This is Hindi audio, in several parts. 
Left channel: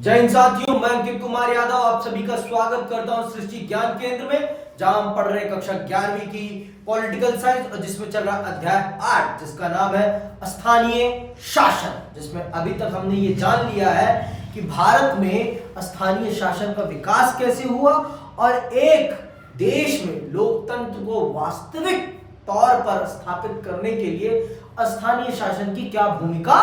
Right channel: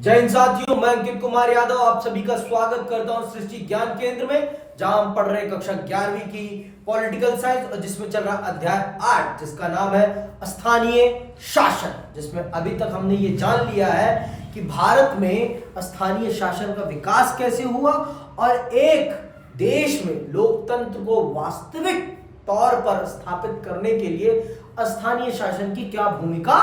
जय हिंद साथियों, मैं अंकित कुमार यादव आप सभी का स्वागत करता हूं सृष्टि ज्ञान केंद्र में, जहां हम पढ़ रहे हैं कक्षा 11वीं की पॉलिटिकल साइंस और जिसमें चल रहा अध्याय 8 जिसका नाम है स्थानीय शासन। जिसमें अभी तक हमने ये जान लिया है कि भारत में स्थानीय शासन का विकास कैसे हुआ और एक देश में लोकतंत्र को वास्तविक तौर पर स्थापित करने के लिए स्थानीय शासन की क्या भूमिका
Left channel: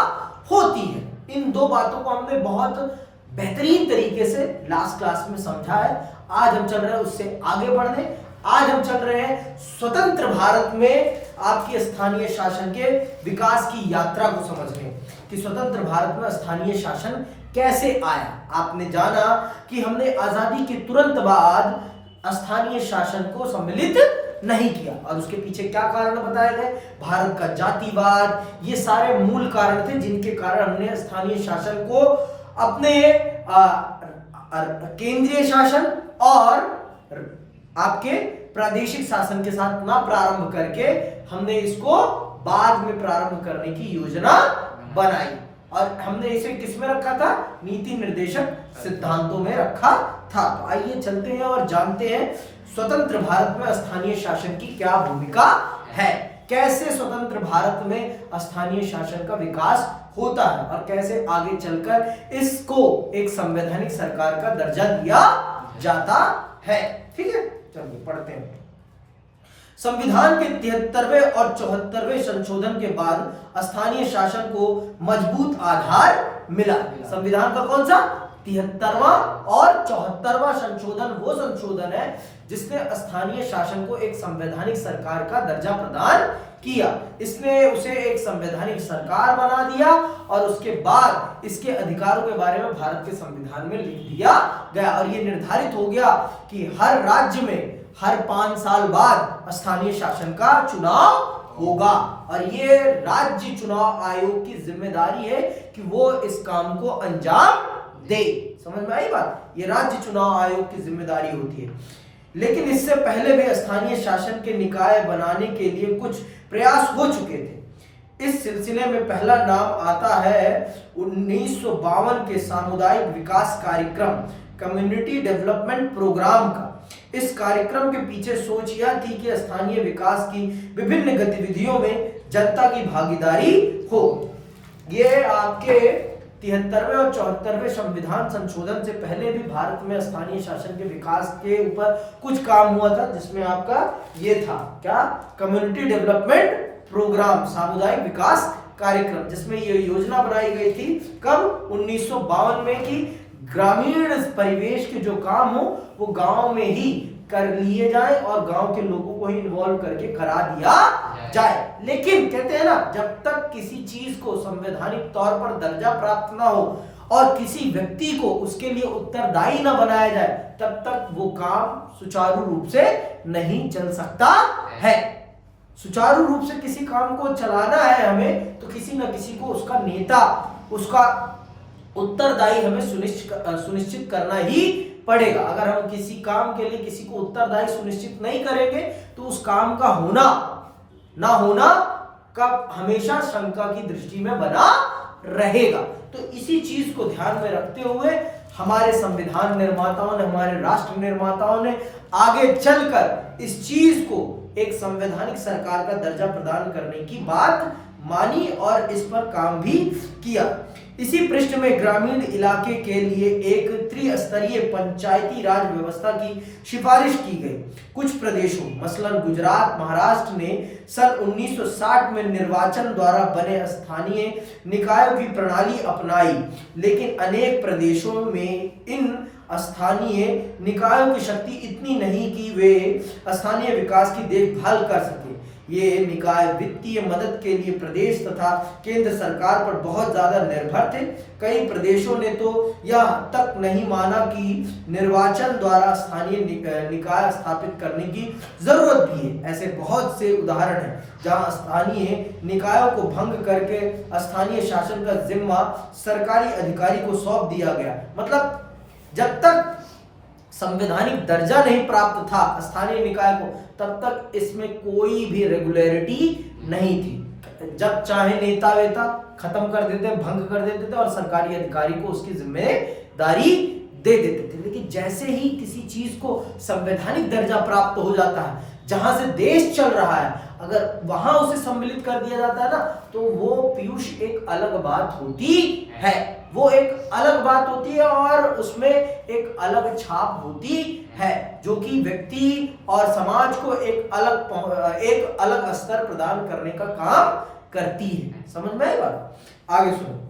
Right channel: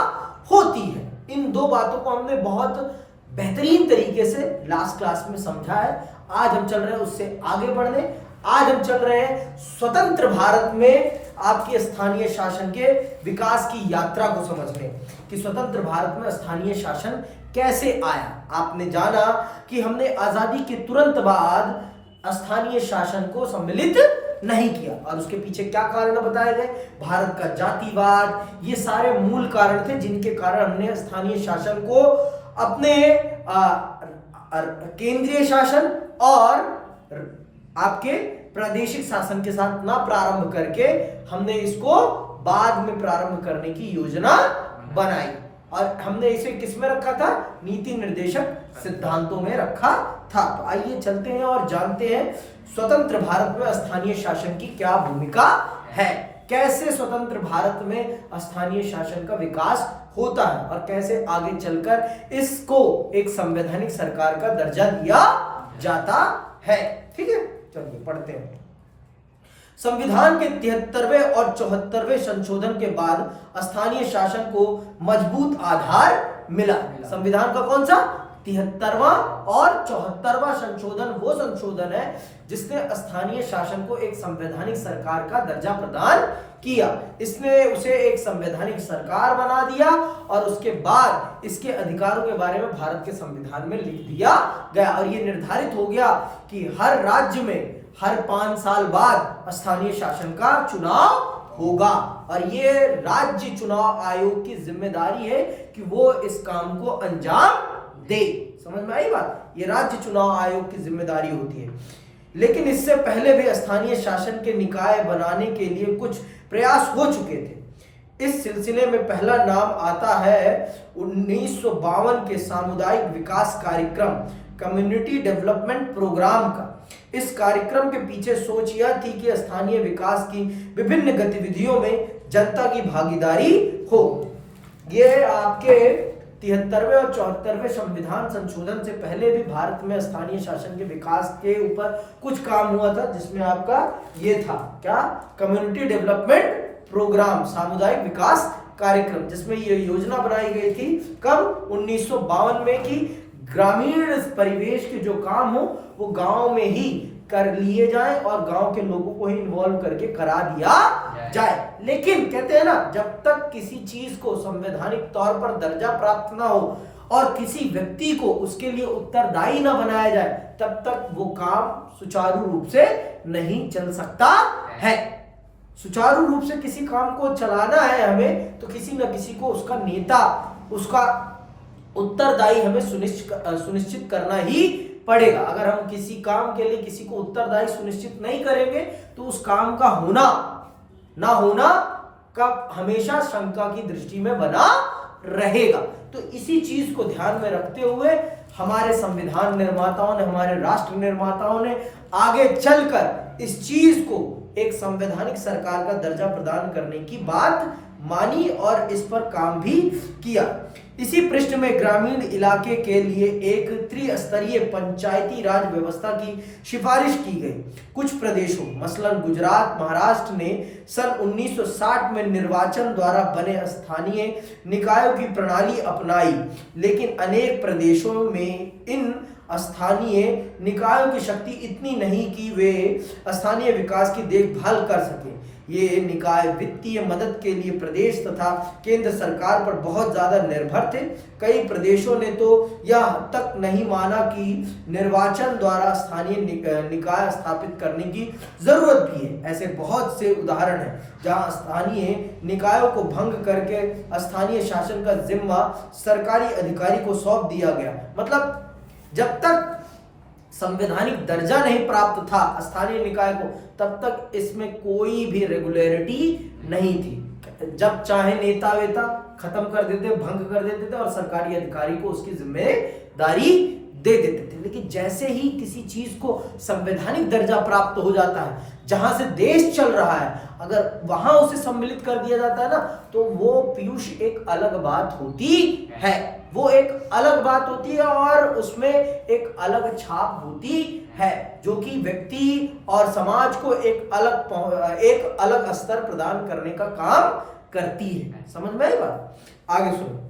होती है। इन दो बातों को हमने बहुत बेहतरीन तरीके से लास्ट क्लास में समझा है। आज हम चल रहे हैं उससे आगे बढ़ने। आज हम चल रहे हैं स्वतंत्र भारत में आपकी स्थानीय शासन के विकास की यात्रा को समझने कि स्वतंत्र भारत में स्थानीय शासन कैसे आया। आपने जाना कि हमने आजादी के तुरंत बाद स्थानीय शासन को सम्मिलित नहीं किया और उसके पीछे क्या कारण बताए गए। भारत का जातिवाद, ये सारे मूल कारण थे जिनके कारण हमने स्थानीय शासन को अपने केंद्रीय शासन और आपके प्रादेशिक शासन के साथ ना प्रारंभ करके हमने इसको बाद में प्रारंभ करने की योजना बनाई और हमने इसे किस में रखा था, नीति निर्देशक सिद्धांतों में रखा था। तो आइए चलते हैं और जानते हैं स्वतंत्र भारत में स्थानीय शासन की क्या भूमिका है, कैसे स्वतंत्र भारत में स्थानीय शासन का विकास होता है और कैसे आगे चलकर इसको एक संवैधानिक सरकार का दर्जा दिया जाता है। ठीक है, चलिए पढ़ते हैं। संविधान के 73वें और 74वें संशोधन के बाद स्थानीय शासन को मजबूत आधार मिला। संविधान का कौन सा 73वां और 74वां संशोधन वो संशोधन है जिसने स्थानीय शासन को एक संवैधानिक सरकार का दर्जा प्रदान किया। इसने उसे एक संवैधानिक सरकार बना दिया और उसके बाद इसके अधिकारों के बारे में भारत के संविधान में लिख दिया गया और यह निर्धारित हो गया कि हर राज्य में हर 5 साल बाद स्थानीय शासन का चुनाव होगा और ये राज्य चुनाव आयोग की जिम्मेदारी है कि वो इस काम को अंजाम दे। समझ में आई बात, ये राज्य चुनाव आयोग की जिम्मेदारी होती है। लेकिन इससे पहले भी स्थानीय शासन के निकाय बनाने के लिए कुछ प्रयास हो चुके थे। इस सिलसिले में पहला नाम आता है 1952 के सामुदायिक विकास कार्यक्रम कम्युनिटी डेवलपमेंट प्रोग्राम का। इस कार्यक्रम के पीछे सोच यह थी कि स्थानीय विकास की विभिन्न गतिविधियों में जनता की भागीदारी हो। ये आपके 73वें और 74वें संविधान संशोधन से पहले भी भारत में स्थानीय शासन के विकास के ऊपर कुछ काम हुआ था, जिसमें आपका ये था क्या, कम्युनिटी डेवलपमेंट प्रोग्राम, सामुदायिक विकास कार्यक्रम, जिसमें ये योजना बनाई गई थी कब 1952 में कि ग्रामीण परिवेश के जो काम हो वो गांव में ही कर लिए जाए और गांव के लोगों को ही इन्वॉल्व करके करा दिया जाए। लेकिन कहते हैं ना, जब तक किसी चीज को संवैधानिक तौर पर दर्जा प्राप्त ना हो और किसी व्यक्ति को उसके लिए उत्तरदायी ना बनाया जाए तब तक वो काम सुचारू रूप से नहीं चल सकता है। सुचारू रूप से किसी काम को चलाना है हमें तो किसी न किसी को उसका नेता, उसका उत्तरदायी हमें सुनिश्चित करना ही पड़ेगा। अगर हम किसी काम के लिए किसी को उत्तरदायी सुनिश्चित नहीं करेंगे तो उस काम का होना ना होना का हमेशा शंका की दृष्टि में बना रहेगा। तो इसी चीज को ध्यान में रखते हुए हमारे संविधान निर्माताओं ने, हमारे राष्ट्र निर्माताओं ने आगे चलकर इस चीज को एक संवैधानिक सरकार का दर्जा प्रदान करने की बात मानी और इस पर काम भी किया। इसी पृष्ठ में ग्रामीण इलाके के लिए एक त्रिस्तरीय पंचायती राज व्यवस्था की सिफारिश की गई। कुछ प्रदेशों मसलन गुजरात, महाराष्ट्र ने सन 1960 में निर्वाचन द्वारा बने स्थानीय निकायों की प्रणाली अपनाई, लेकिन अनेक प्रदेशों में इन स्थानीय निकायों की शक्ति इतनी नहीं कि वे स्थानीय विकास की देखभाल कर सके। ये निकाय वित्तीय मदद के लिए प्रदेश तथा केंद्र सरकार पर बहुत ज्यादा निर्भर थे। कई प्रदेशों ने तो यह तक नहीं माना कि निर्वाचन द्वारा स्थानीय निकाय स्थापित करने की जरूरत भी है। ऐसे बहुत से उदाहरण हैं जहां स्थानीय निकायों को भंग करके स्थानीय शासन का जिम्मा सरकारी अधिकारी को सौंप दिया गया। मतलब जब तक संवैधानिक दर्जा नहीं प्राप्त था स्थानीय निकाय को तब तक इसमें कोई भी रेगुलरिटी नहीं थी। जब चाहे नेता वेता खत्म कर देते, भंग कर देते थे और सरकारी अधिकारी को उसकी जिम्मेदारी दे देते थे। लेकिन जैसे ही किसी चीज को संवैधानिक दर्जा प्राप्त हो जाता है, जहां से देश चल रहा है, अगर वहां उसे सम्मिलित कर दिया जाता है ना, तो वो पीयूष एक अलग बात होती है, वो एक अलग बात होती है और उसमें एक अलग छाप होती है, जो कि व्यक्ति और समाज को एक अलग स्तर प्रदान करने का काम करती है। समझ में आई बात? आगे सुनो।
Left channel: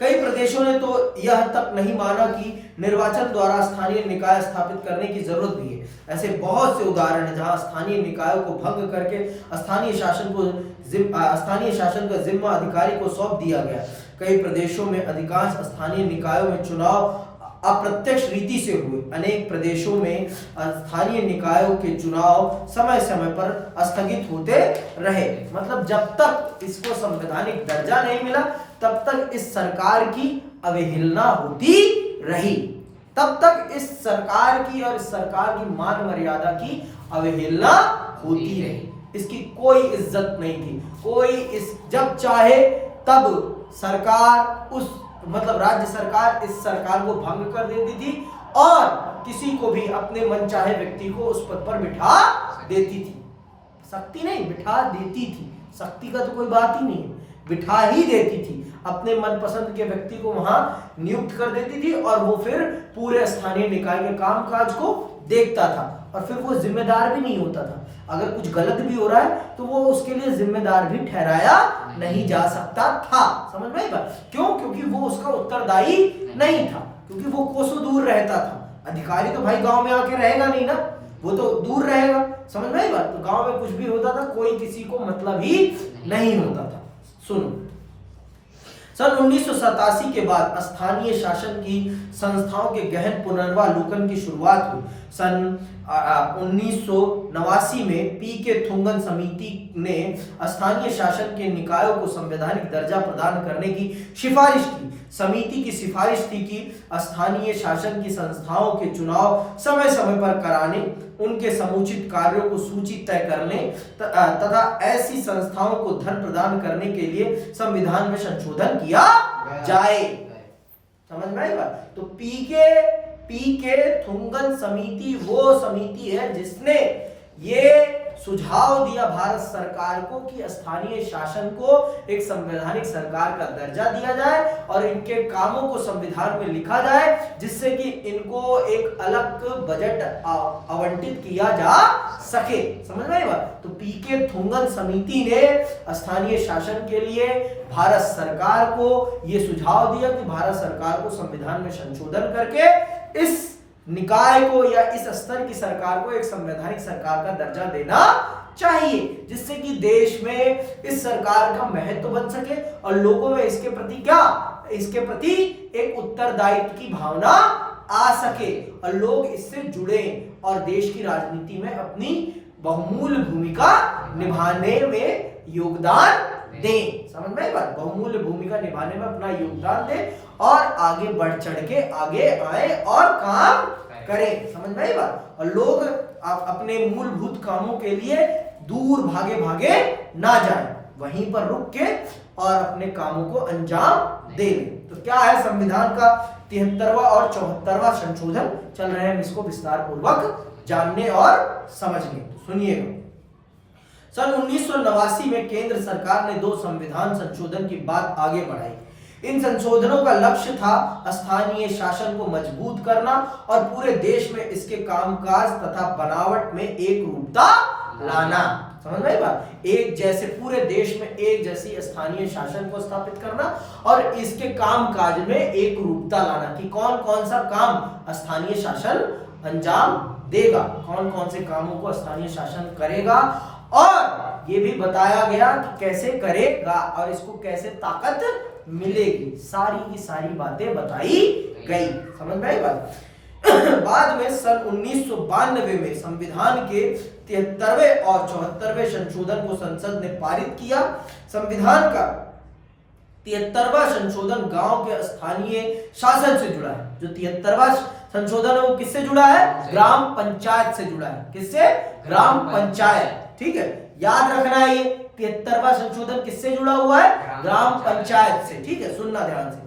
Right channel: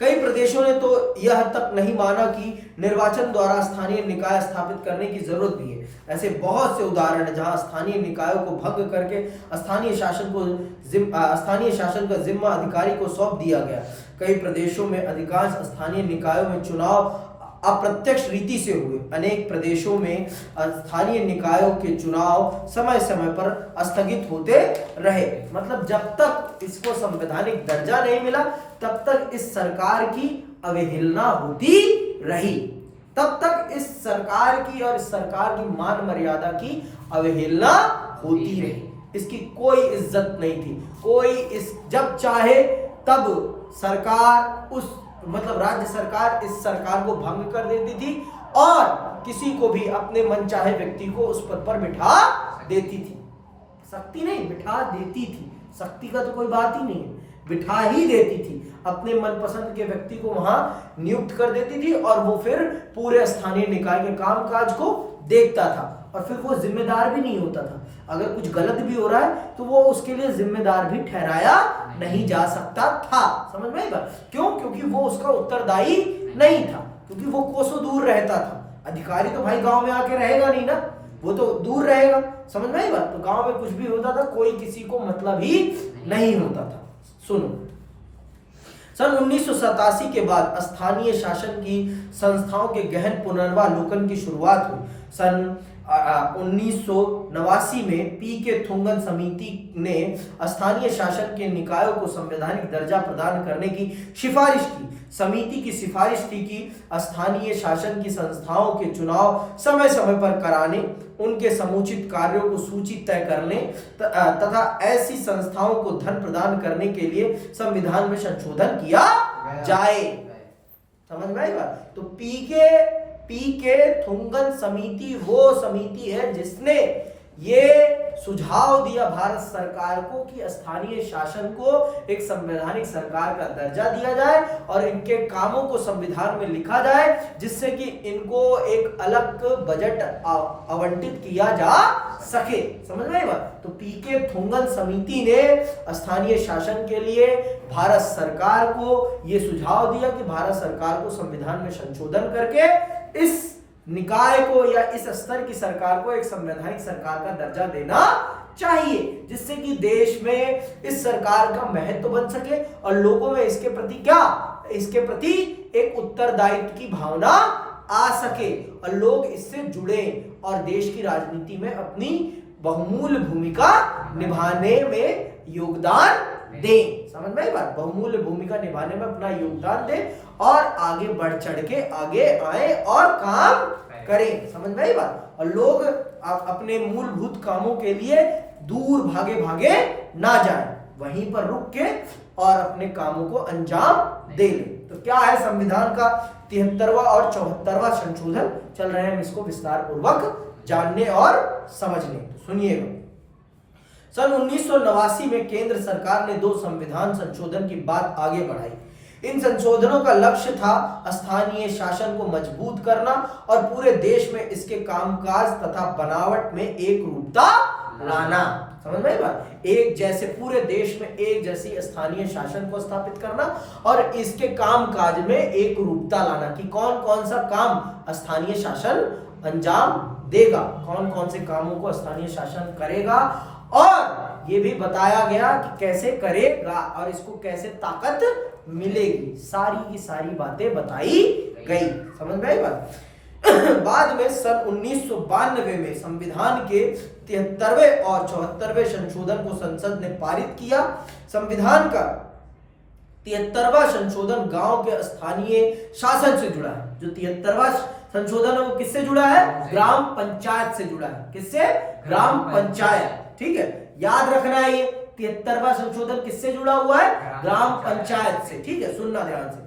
कई प्रदेशों ने तो यह तक नहीं माना कि निर्वाचन द्वारा स्थानीय निकाय स्थापित करने की जरूरत भी है। ऐसे बहुत से उदाहरण हैं जहां स्थानीय निकायों को भंग करके स्थानीय शासन का जिम्मा अधिकारी को सौंप दिया गया। कई प्रदेशों में अधिकांश स्थानीय निकायों में चुनाव अप्रत्यक्ष रीति से हुए। अनेक प्रदेशों में स्थानीय निकायों के चुनाव समय समय पर स्थगित होते रहे। मतलब जब तक इसको संवैधानिक दर्जा नहीं मिला तब तक इस सरकार की अवहेलना होती रही, तब तक इस सरकार की और इस सरकार की मान मर्यादा की अवहेलना होती रही। इसकी कोई इज्जत नहीं थी। जब चाहे तब सरकार राज्य सरकार इस सरकार को भंग कर देती थी और किसी को भी अपने मनचाहे व्यक्ति को उस पद पर बिठा देती थी। शक्ति नहीं, बिठा देती थी। शक्ति का तो कोई बात ही नहीं है, बिठा ही देती थी। अपने मनपसंद के व्यक्ति को वहां नियुक्त कर देती थी और वो फिर पूरे स्थानीय निकाय के कामकाज को देखता था और फिर वो जिम्मेदार भी नहीं होता था। अगर कुछ गलत भी हो रहा है तो वो उसके लिए जिम्मेदार भी ठहराया नहीं जा सकता था। समझ में आई बात? क्यों? क्योंकि वो उसका उत्तरदायी नहीं था, क्योंकि वो कोसों दूर रहता था। अधिकारी तो भाई गांव में आके रहेगा नहीं ना, वो तो दूर रहेगा। समझ में आई बात? तो गांव में कुछ भी होता था, कोई किसी को मतलब ही नहीं होता था। सुनो, सन 1987 के बाद स्थानीय शासन की संस्थाओं के गहन पुनर्वालोकन की शुरुआत हुई। सन 1989 में पी.के. थुंगन समिति ने स्थानीय शासन के निकायों को संवैधानिक दर्जा प्रदान करने की सिफारिश की। समिति की सिफारिश थी कि स्थानीय शासन की संस्थाओं के चुनाव समय समय पर कराने, उनके समुचित कार्यों को सूची तय करने तथा ऐसी संस्थाओं को धन प्रदान करने के लिए संविधान में संशोधन किया जाए। समझ में आई बात? तो पी.के. थुंगन समिति वो समिति है जिसने ये सुझाव दिया भारत सरकार को कि स्थानीय शासन को एक संवैधानिक सरकार का दर्जा दिया जाए और इनके कामों को संविधान में लिखा जाए, जिससे कि इनको एक अलग बजट आवंटित किया जा सके। समझ में आई बात? तो पी.के. थुंगन समिति ने स्थानीय शासन के लिए भारत सरकार को ये सुझाव दिया कि भारत सरकार को संविधान में संशोधन करके इस निकाय को या इस स्तर की सरकार को एक संवैधानिक सरकार का दर्जा देना चाहिए, जिससे कि देश में इस सरकार का महत्व बन सके और लोगों में इसके प्रति एक उत्तरदायित्व की भावना आ सके और लोग इससे जुड़े और देश की राजनीति में अपनी बहुमूल्य भूमिका निभाने में योगदान दें। समझ में आई बात? बहुमूल्य भूमिका निभाने में अपना योगदान दें और आगे बढ़ चढ़ के आगे आए और काम करें। समझ में आई बात? और लोग अपने मूलभूत कामों के लिए दूर भागे ना जाएं, वहीं पर रुक के और अपने कामों को अंजाम दे लें। तो क्या है संविधान का 73वां और 74वां संशोधन चल रहे हैं, हम इसको विस्तार पूर्वक जानने और समझने। तो सुनिएगा। सन 1989 में केंद्र सरकार ने 2 संविधान संशोधन की बात आगे बढ़ाई। इन संशोधनों का लक्ष्य था स्थानीय शासन को मजबूत करना और पूरे देश में इसके कामकाज तथा बनावट में एक रूपता लाना। समझ में आई बात? एक जैसे पूरे देश में एक जैसी स्थानीय शासन को स्थापित करना और इसके कामकाज में एक रूपता लाना कि कौन कौन सा काम स्थानीय शासन अंजाम देगा, कौन कौन से कामों को स्थानीय शासन करेगा और ये भी बताया गया कि कैसे करेगा और इसको कैसे ताकत मिलेगी। सारी की सारी बातें बताई गई। समझ में आई बात? बाद में सन 1992 में संविधान के 73वें और 74वें संशोधन को संसद ने पारित किया। संविधान का 73वां संशोधन गांव के स्थानीय शासन से जुड़ा है। जो 73वां संशोधन है वो किससे जुड़ा है? ग्राम पंचायत से जुड़ा है। किससे? ग्राम पंचायत। ठीक है, याद रखना है ये 73वां संशोधन किससे जुड़ा हुआ है? ग्राम पंचायत से। ठीक है, सुनना ध्यान से।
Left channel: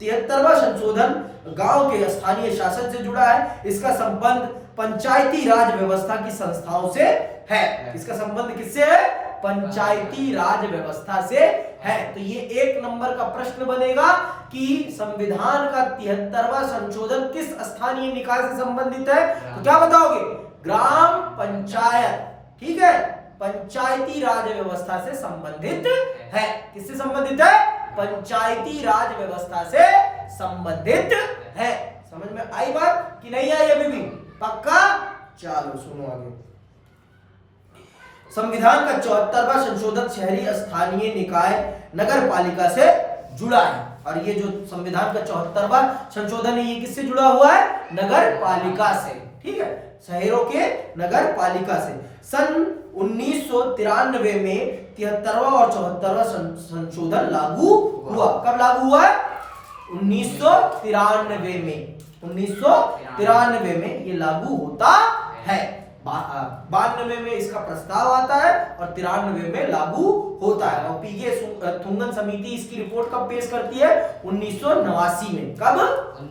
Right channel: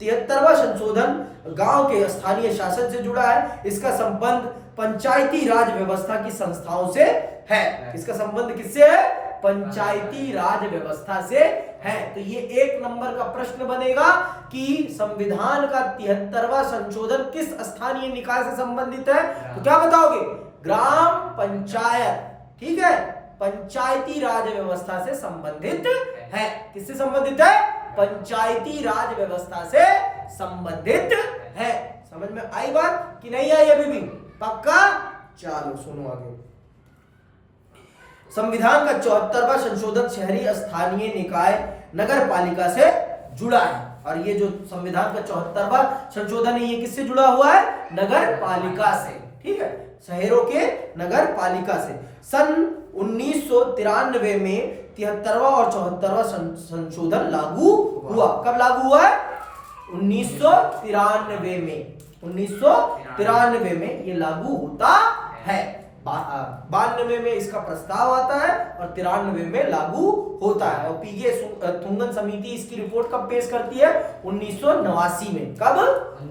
73वां संशोधन गांव के स्थानीय शासन से जुड़ा है। इसका संबंध पंचायती राज व्यवस्था की संस्थाओं से है। इसका संबंध किससे है? पंचायती राज व्यवस्था से है। तो ये 1 नंबर का प्रश्न बनेगा कि संविधान का 73वां संशोधन किस स्थानीय निकाय से संबंधित है? तो क्या बताओगे? ग्राम पंचायत। ठीक है, पंचायती राज व्यवस्था से संबंधित है। किससे संबंधित है? पंचायती राज व्यवस्था से संबंधित है। समझ में आई बात कि नहीं आई अभी भी? पक्का? चलो सुनो आगे। संविधान का 74वां संशोधन शहरी स्थानीय निकाय नगर पालिका से जुड़ा है। और ये जो संविधान का 74वां संशोधन है, ये किससे जुड़ा हुआ है? नगर पालिका से। ठीक है, शहरों के नगर पालिका से। सन 1993 में 73वां और 74वां संशोधन लागू हुआ। कब लागू हुआ है? 1993 में। 1993 में ये लागू होता है। 92 में इसका प्रस्ताव आता है और 93 में लागू होता है। और पीगे थुंगन समिति इसकी रिपोर्ट कब पेश करती है? 1989 में। कब?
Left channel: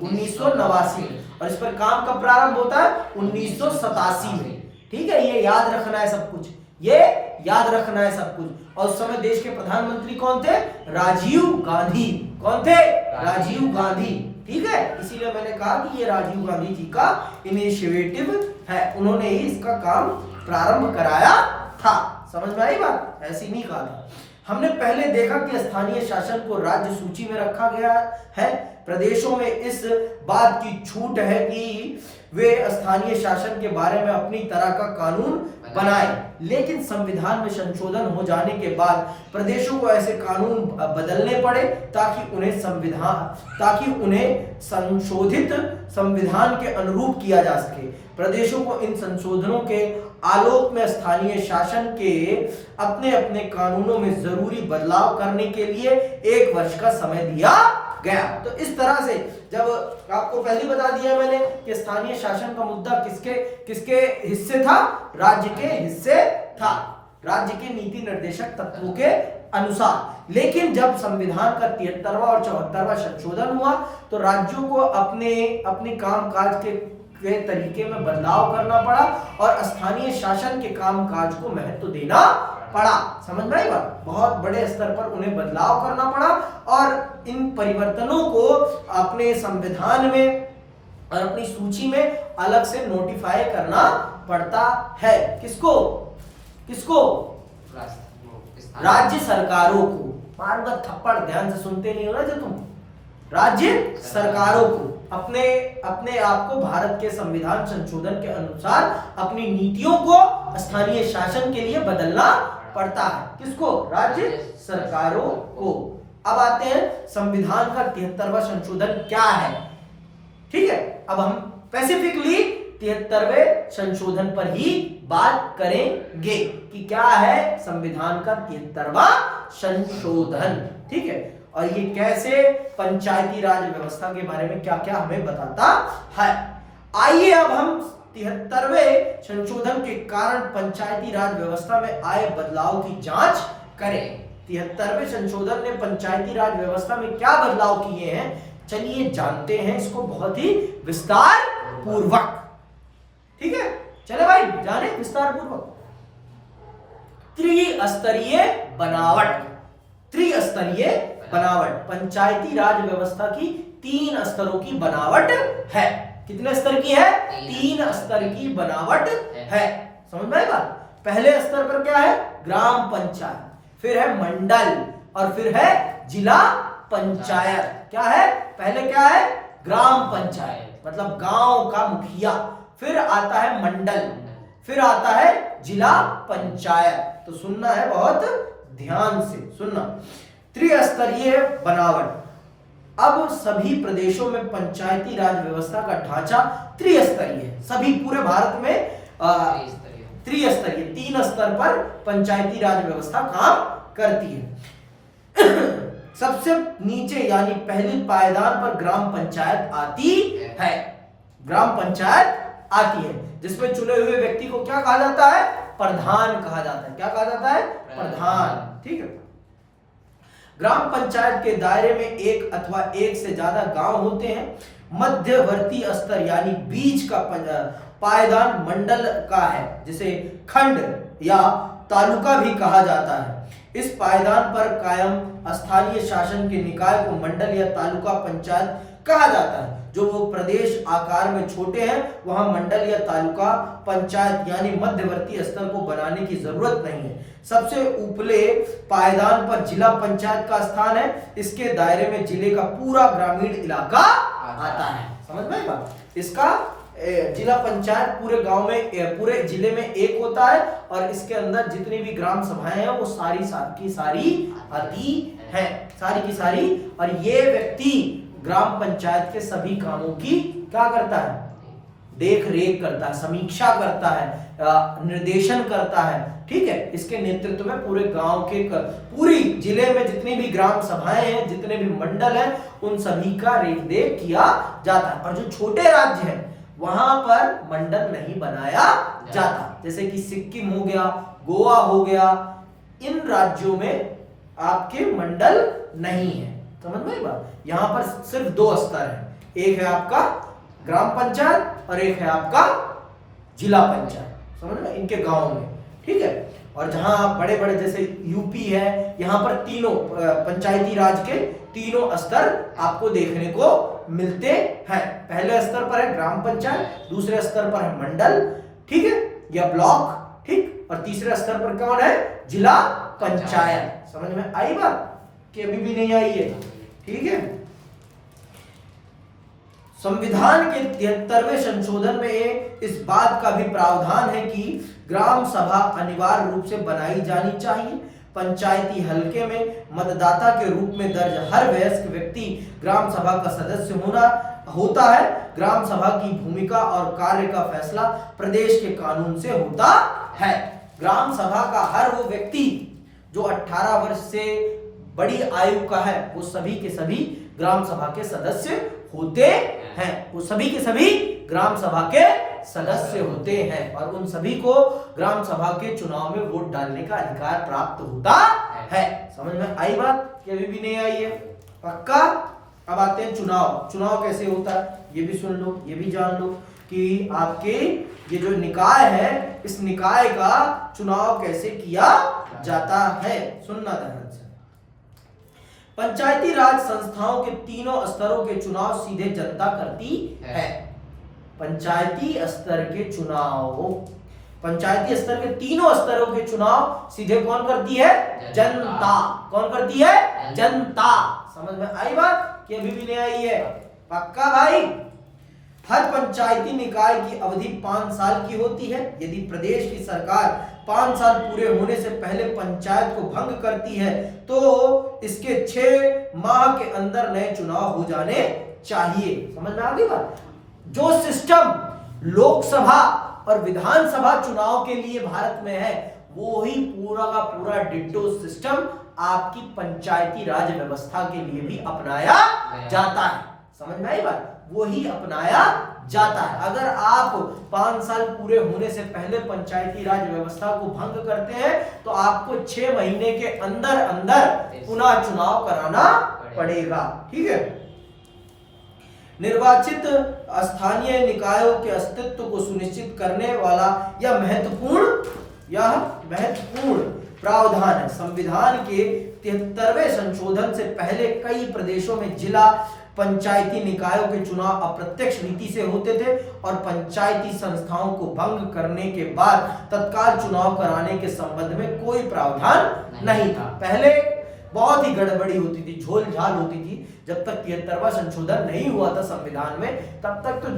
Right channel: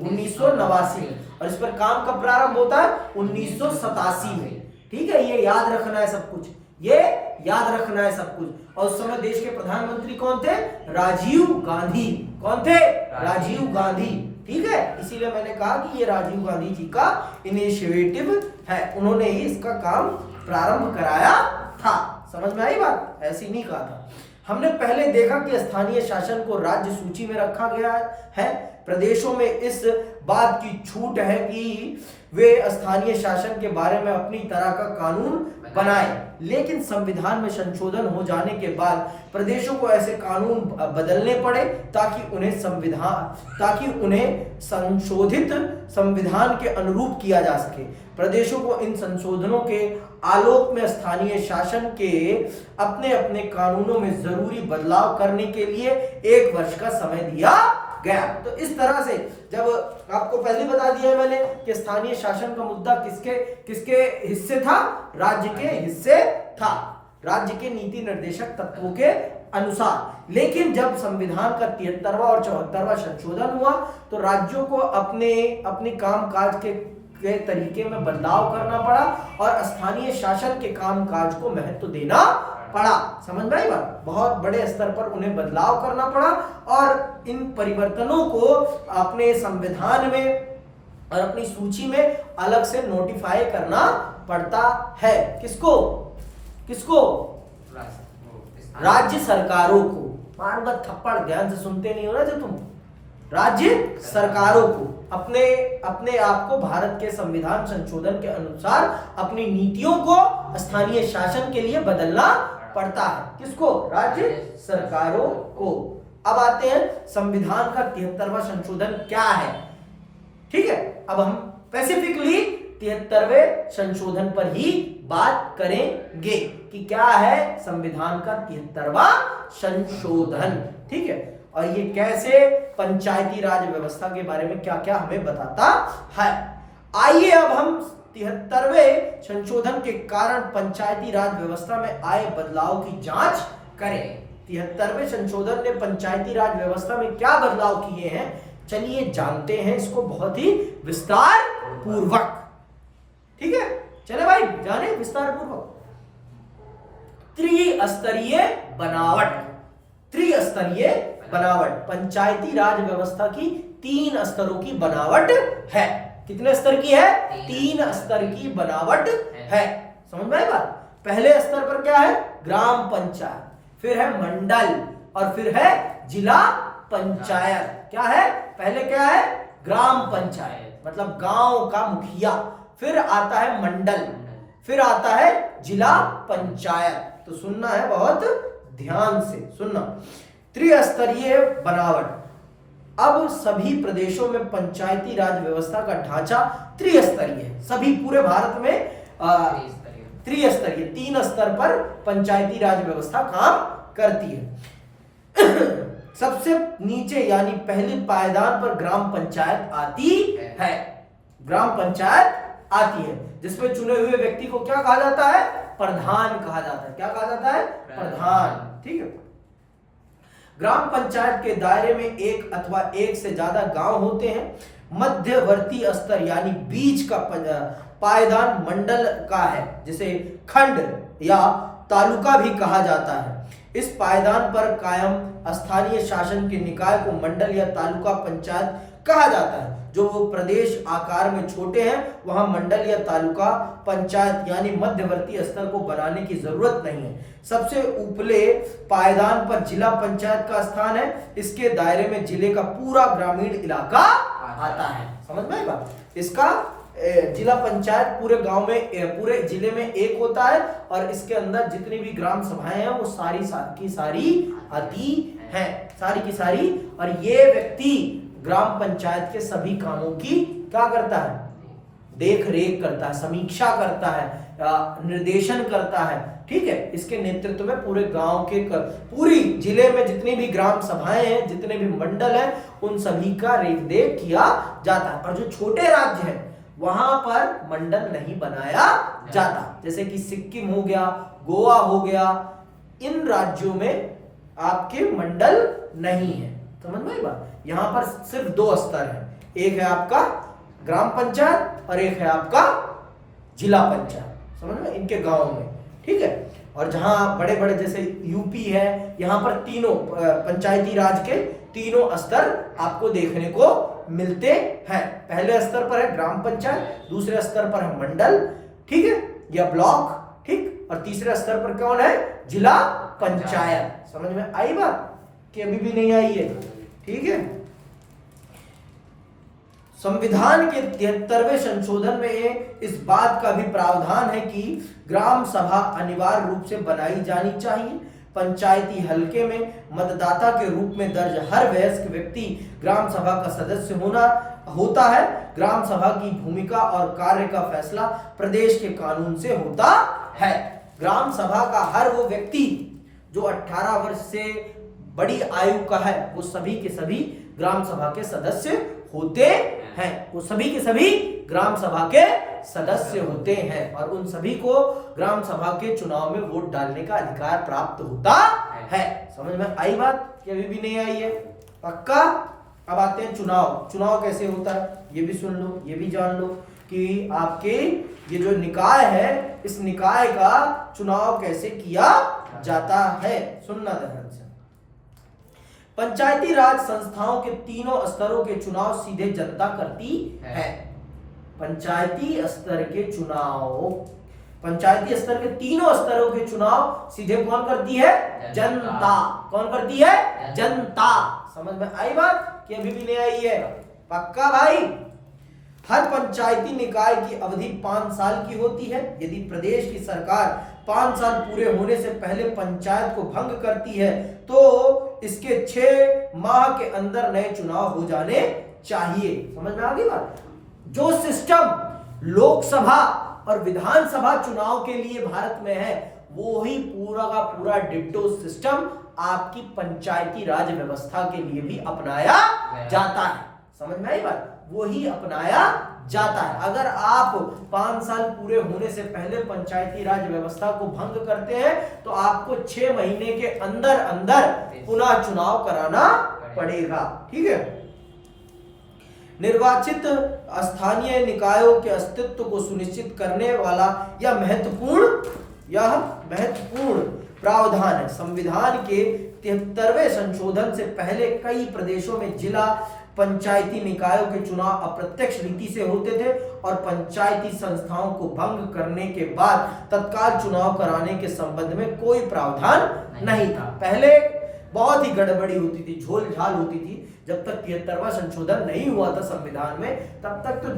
1989 में। और इस पर काम कब प्रारंभ होता है? 1987 में। ठीक है, ये याद रखना है सब कुछ, ये याद रखना है सब कुछ। और उस समय देश के प्रधानमंत्री कौन थे? राजीव गांधी। कौन थे? राजीव गांधी। ठीक है, इसीलिए मैंने कहा कि ये राजीव गांधी जी का इनिशिएटिव है। उन्होंने ही इसका काम प्रारंभ कराया था। समझ में आई बात? ऐसी नहीं कहा था। हमने पहले देखा कि स्थानीय शासन को राज्य सूची में रखा गया है। प्रदेशों में इस बात की छूट है कि वे स्थानीय शासन के बारे में अपनी तरह का कानून बनाए, लेकिन संविधान में संशोधन हो जाने के बाद प्रदेशों को ऐसे कानून बदलने पड़े ताकि उन्हें संशोधित संविधान के अनुरूप किया जा सके। प्रदेशों को इन संशोधनों के आलोक में स्थानीय शासन के अपने अपने कानूनों में जरूरी बदलाव करने के लिए 1 वर्ष का समय दिया गया। तो इस तरह से, जब आपको पहले बता दिया मैंने कि स्थानीय शासन का मुद्दा किसके हिस्से था? राज्य के हिस्से था, राज्य के नीति निर्देशक तत्वों के अनुसार। लेकिन जब संविधान का 73वां और 74वां संशोधन हुआ तो राज्यों को अपने कामकाज के तरीके में बदलाव करना पड़ा और स्थानीय शासन के कामकाज को महत्व देना पड़ा। समझ में आई बात? बहुत बड़े स्तर पर उन्हें बदलाव करना पड़ा और इन परिवर्तनों को अपने संविधान में और अपनी सूची में अलग से नोटिफाई करना पड़ता है। किसको? राज्य सरकारों को। मारूंगा थप्पड़, ध्यान से सुनते नहीं हो ना जो तुम। राज्य सरकारों को अपने आप को भारत के संविधान संशोधन के अनुसार अपनी नीतियों को स्थानीय शासन के लिए बदलना पड़ता है। किसको? राज्य सरकारों को। अब आते हैं संविधान का 73वां संशोधन क्या है। ठीक है, अब हम स्पेसिफिकली 73वें संशोधन पर ही बात करेंगे कि क्या है संविधान का 73वां संशोधन। ठीक है, और ये कैसे पंचायती राज व्यवस्था के बारे में क्या क्या हमें बताता है। आइए अब हम 73वें संशोधन के कारण पंचायती राज व्यवस्था में आए बदलाव की जांच करें। 73वें संशोधन ने पंचायती राज व्यवस्था में क्या बदलाव किए हैं, चलिए जानते हैं इसको बहुत ही विस्तार पूर्वक। ठीक है, चले भाई जाने विस्तार पूर्वक। त्रिस्तरीय बनावट पंचायती राज व्यवस्था की 3 स्तरों की बनावट है। कितने स्तर की है? 3 स्तर की बनावट है। समझ में आई बात? पहले स्तर पर क्या है? ग्राम पंचायत, फिर है मंडल और फिर है जिला पंचायत। क्या है? पहले क्या है? ग्राम पंचायत मतलब गांव का मुखिया, फिर आता है मंडल, फिर आता है जिला पंचायत। तो सुनना है, बहुत ध्यान से सुनना। त्रिस्तरीय बनावट। अब सभी प्रदेशों में पंचायती राज व्यवस्था का ढांचा त्रिस्तरीय है। सभी पूरे भारत में त्रिस्तरीय 3 स्तर पर पंचायती राज व्यवस्था काम करती है। सबसे नीचे यानी पहली पायदान पर ग्राम पंचायत आती है। ग्राम पंचायत आती है जिसमें चुने हुए व्यक्ति को क्या कहा जाता है? प्रधान कहा जाता है। क्या कहा जाता है? प्रधान। ठीक है। ग्राम पंचायत के दायरे में एक अथवा एक से ज्यादा गांव होते हैं। मध्यवर्ती स्तर यानी बीच का पायदान मंडल का है, जिसे खंड या तालुका भी कहा जाता है। इस पायदान पर कायम स्थानीय शासन के निकाय को मंडल या तालुका पंचायत कहा जाता है। जो वो प्रदेश आकार में छोटे हैं वहां मंडल या तालुका पंचायत यानी मध्यवर्ती स्तर को बनाने की जरूरत नहीं है। सबसे ऊपले पायदान पर जिला पंचायत का स्थान है। इसके दायरे में जिले का पूरा ग्रामीण इलाका आता है। समझ में आई बात? इसका जिला पंचायत पूरे गांव में, पूरे जिले में एक होता है और इसके अंदर जितनी भी ग्राम सभाएं हैं वो सारी की सारी आती हैं, सारी की सारी। और ये व्यक्ति ग्राम पंचायत के सभी कामों की क्या करता है? देख रेख करता है, समीक्षा करता है, निर्देशन करता है। ठीक है। इसके नेतृत्व में पूरे गांव के पूरी जिले में जितनी भी ग्राम सभाएं हैं, जितने भी मंडल हैं, उन सभी का रेख देख किया जाता है। और जो छोटे राज्य हैं वहां पर मंडल नहीं बनाया जाता, जैसे कि सिक्किम हो गया, गोवा हो गया, इन राज्यों में आपके मंडल नहीं है। समझ में आई बात? यहां पर सिर्फ दो स्तर हैं, एक है आपका ग्राम पंचायत और एक है आपका जिला पंचायत। समझ में? इनके गांव में। ठीक है। और जहां बड़े बड़े जैसे यूपी है, यहां पर तीनों पंचायती राज के तीनों स्तर आपको देखने को मिलते हैं। पहले स्तर पर है ग्राम पंचायत, दूसरे स्तर पर है मंडल, ठीक है, या ब्लॉक, ठीक, और तीसरे स्तर पर कौन है? जिला पंचायत। समझ में आई बात कि अभी भी नहीं आई है? ठीक है। संविधान के 73वें संशोधन में इस बात का भी प्रावधान है कि ग्राम सभा अनिवार्य रूप से बनाई जानी चाहिए। पंचायती हलके में मतदाता के रूप में दर्ज हर वयस्क व्यक्ति ग्राम सभा का सदस्य होता है। ग्राम सभा की भूमिका और कार्य का फैसला प्रदेश के कानून से होता है। ग्राम सभा का हर वो व्यक्ति जो 18 वर्ष से बड़ी आयु का है वो सभी के सभी ग्राम सभा के सदस्य होते हैं। वो सभी के सभी ग्राम सभा के सदस्य होते हैं और उन सभी को ग्राम सभा के चुनाव में वोट डालने का अधिकार प्राप्त होता है। समझ में आई बात कि अभी भी नहीं आई है? पक्का? अब आते हैं चुनाव। चुनाव कैसे होता है ये भी सुन लो, ये भी जान लो कि आपके ये जो निकाय है, इस निकाय का चुनाव कैसे किया जाता है। सुनना ध्यान से। पंचायती राज संस्थाओं के तीनों स्तरों के चुनाव सीधे जनता करती है। पंचायती स्तर के चुनाव, पंचायती स्तर के तीनों स्तरों के चुनाव सीधे कौन करती है? जनता। कौन करती है? जनता। समझ में आई बात कि अभी भी नहीं आई है? पक्का भाई? हर पंचायती निकाय की अवधि 5 साल की होती है। यदि प्रदेश की सरकार 5 साल पूरे होने से पहले पंचायत को भंग करती है तो इसके 6 माह के अंदर नए चुनाव हो जाने चाहिए। समझ में आ गई बात? जो सिस्टम लोकसभा और विधानसभा चुनाव के लिए भारत में है वो ही पूरा का पूरा डिट्टो सिस्टम आपकी पंचायती राज व्यवस्था के लिए भी अपनाया जाता है। समझ में आई बात? वो ही अपनाया जाता है। अगर आप 5 साल पूरे होने से पहले पंचायती राज व्यवस्था को भंग करते हैं तो आपको 6 महीने के अंदर अंदर पुनः चुनाव कराना पड़ेगा। ठीक है। निर्वाचित स्थानीय निकायों के अस्तित्व को सुनिश्चित करने वाला यह महत्वपूर्ण प्रावधान है। संविधान के 73वें संशोधन से पहले कई प्रदेशों में जिला पंचायती निकायों के चुनाव अप्रत्यक्ष रीति से होते थे और पंचायती संस्थाओं को भंग करने के बाद तत्काल चुनाव कराने के संबंध में कोई प्रावधान नहीं था। पहले बहुत ही गड़बड़ी होती थी, झोल झाल होती थी। जब तक 73वां संशोधन नहीं हुआ था संविधान में तब तक तो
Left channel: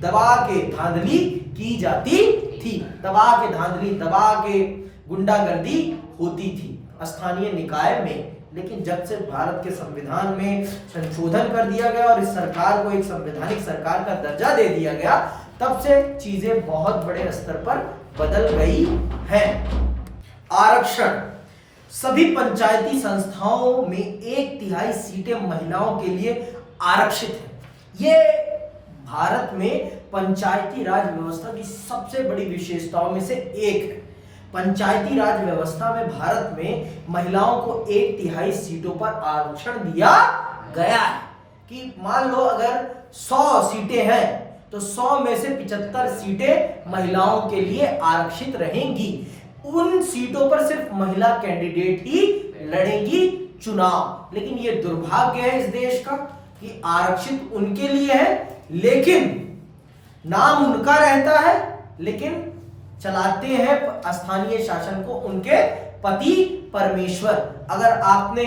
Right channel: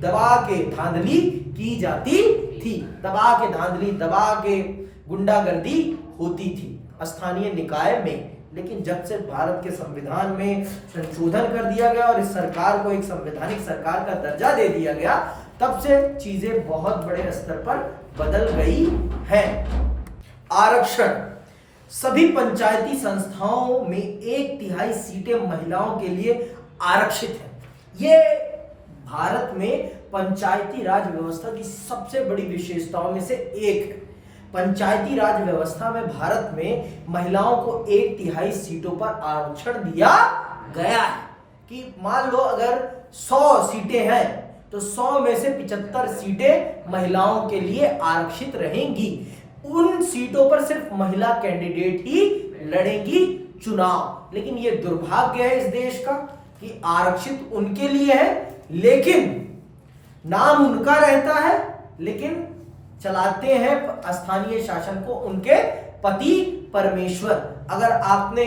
दबा के धांधली की जाती थी, दबा के गुंडागर्दी होती थी स्थानीय निकाय में। लेकिन जब से भारत के संविधान में संशोधन कर दिया गया और इस सरकार को एक संवैधानिक सरकार का दर्जा दे दिया गया तब से चीजें बहुत बड़े स्तर पर बदल गई हैं। आरक्षण। सभी पंचायती संस्थाओं में 1/3 सीटें महिलाओं के लिए आरक्षित है। ये भारत में पंचायती राज व्यवस्था की सबसे बड़ी विशेषताओं में से एक है। पंचायती राज व्यवस्था में भारत में महिलाओं को 1/3 सीटों पर आरक्षण दिया गया है। कि मान लो अगर 100 सीटें हैं तो 100 में से 75 सीटें महिलाओं के लिए आरक्षित रहेंगी। उन सीटों पर सिर्फ महिला कैंडिडेट ही लड़ेंगी चुनाव। लेकिन ये दुर्भाग्य है इस देश का कि आरक्षित उनके लिए है, लेकिन नाम उनका रहता है, लेकिन चलाते हैं स्थानीय शासन को उनके पति परमेश्वर। अगर आपने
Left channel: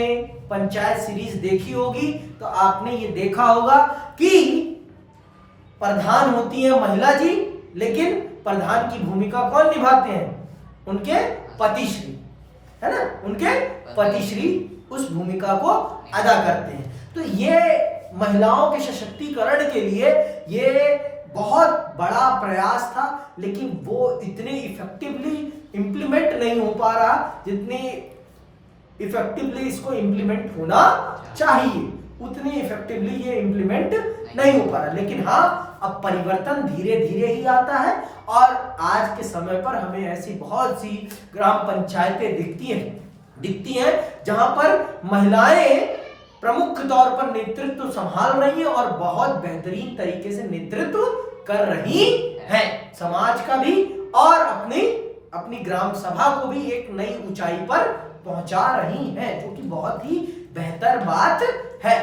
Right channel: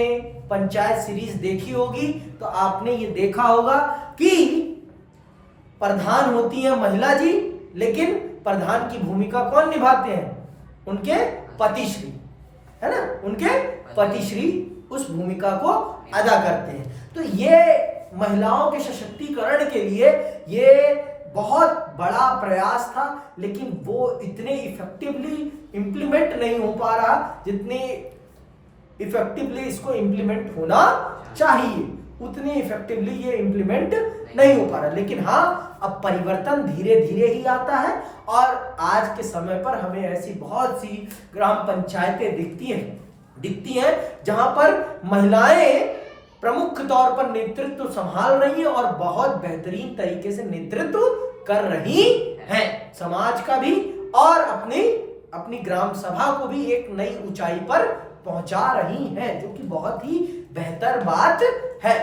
पंचायत सीरीज देखी होगी तो आपने ये देखा होगा कि प्रधान होती है महिला जी, लेकिन प्रधान की भूमिका कौन निभाते हैं? उनके पतिश्री, है ना, उनके पतिश्री उस भूमिका को अदा करते हैं। तो ये महिलाओं के सशक्तिकरण के लिए ये बहुत बड़ा प्रयास था, लेकिन वो इतने इफेक्टिवली इंप्लीमेंट नहीं हो पा रहा जितने इफेक्टिवली इसको इंप्लीमेंट होना चाहिए। उतनी इफेक्टिवली ये इंप्लीमेंट नहीं हो पा रहा। लेकिन हाँ, अब परिवर्तन धीरे धीरे ही आता है और आज के समय पर हमें ऐसी बहुत सी ग्राम पंचायतें दिखती हैं जहां पर महिलाएं प्रमुख तौर पर नेतृत्व संभाल रही हैं और बहुत बेहतरीन तरीके से नेतृत्व कर रही हैं, समाज का भी और अपनी ग्राम सभा को भी एक नई ऊंचाई पर पहुंचा रही हैं, जो कि बहुत ही बेहतर बात है।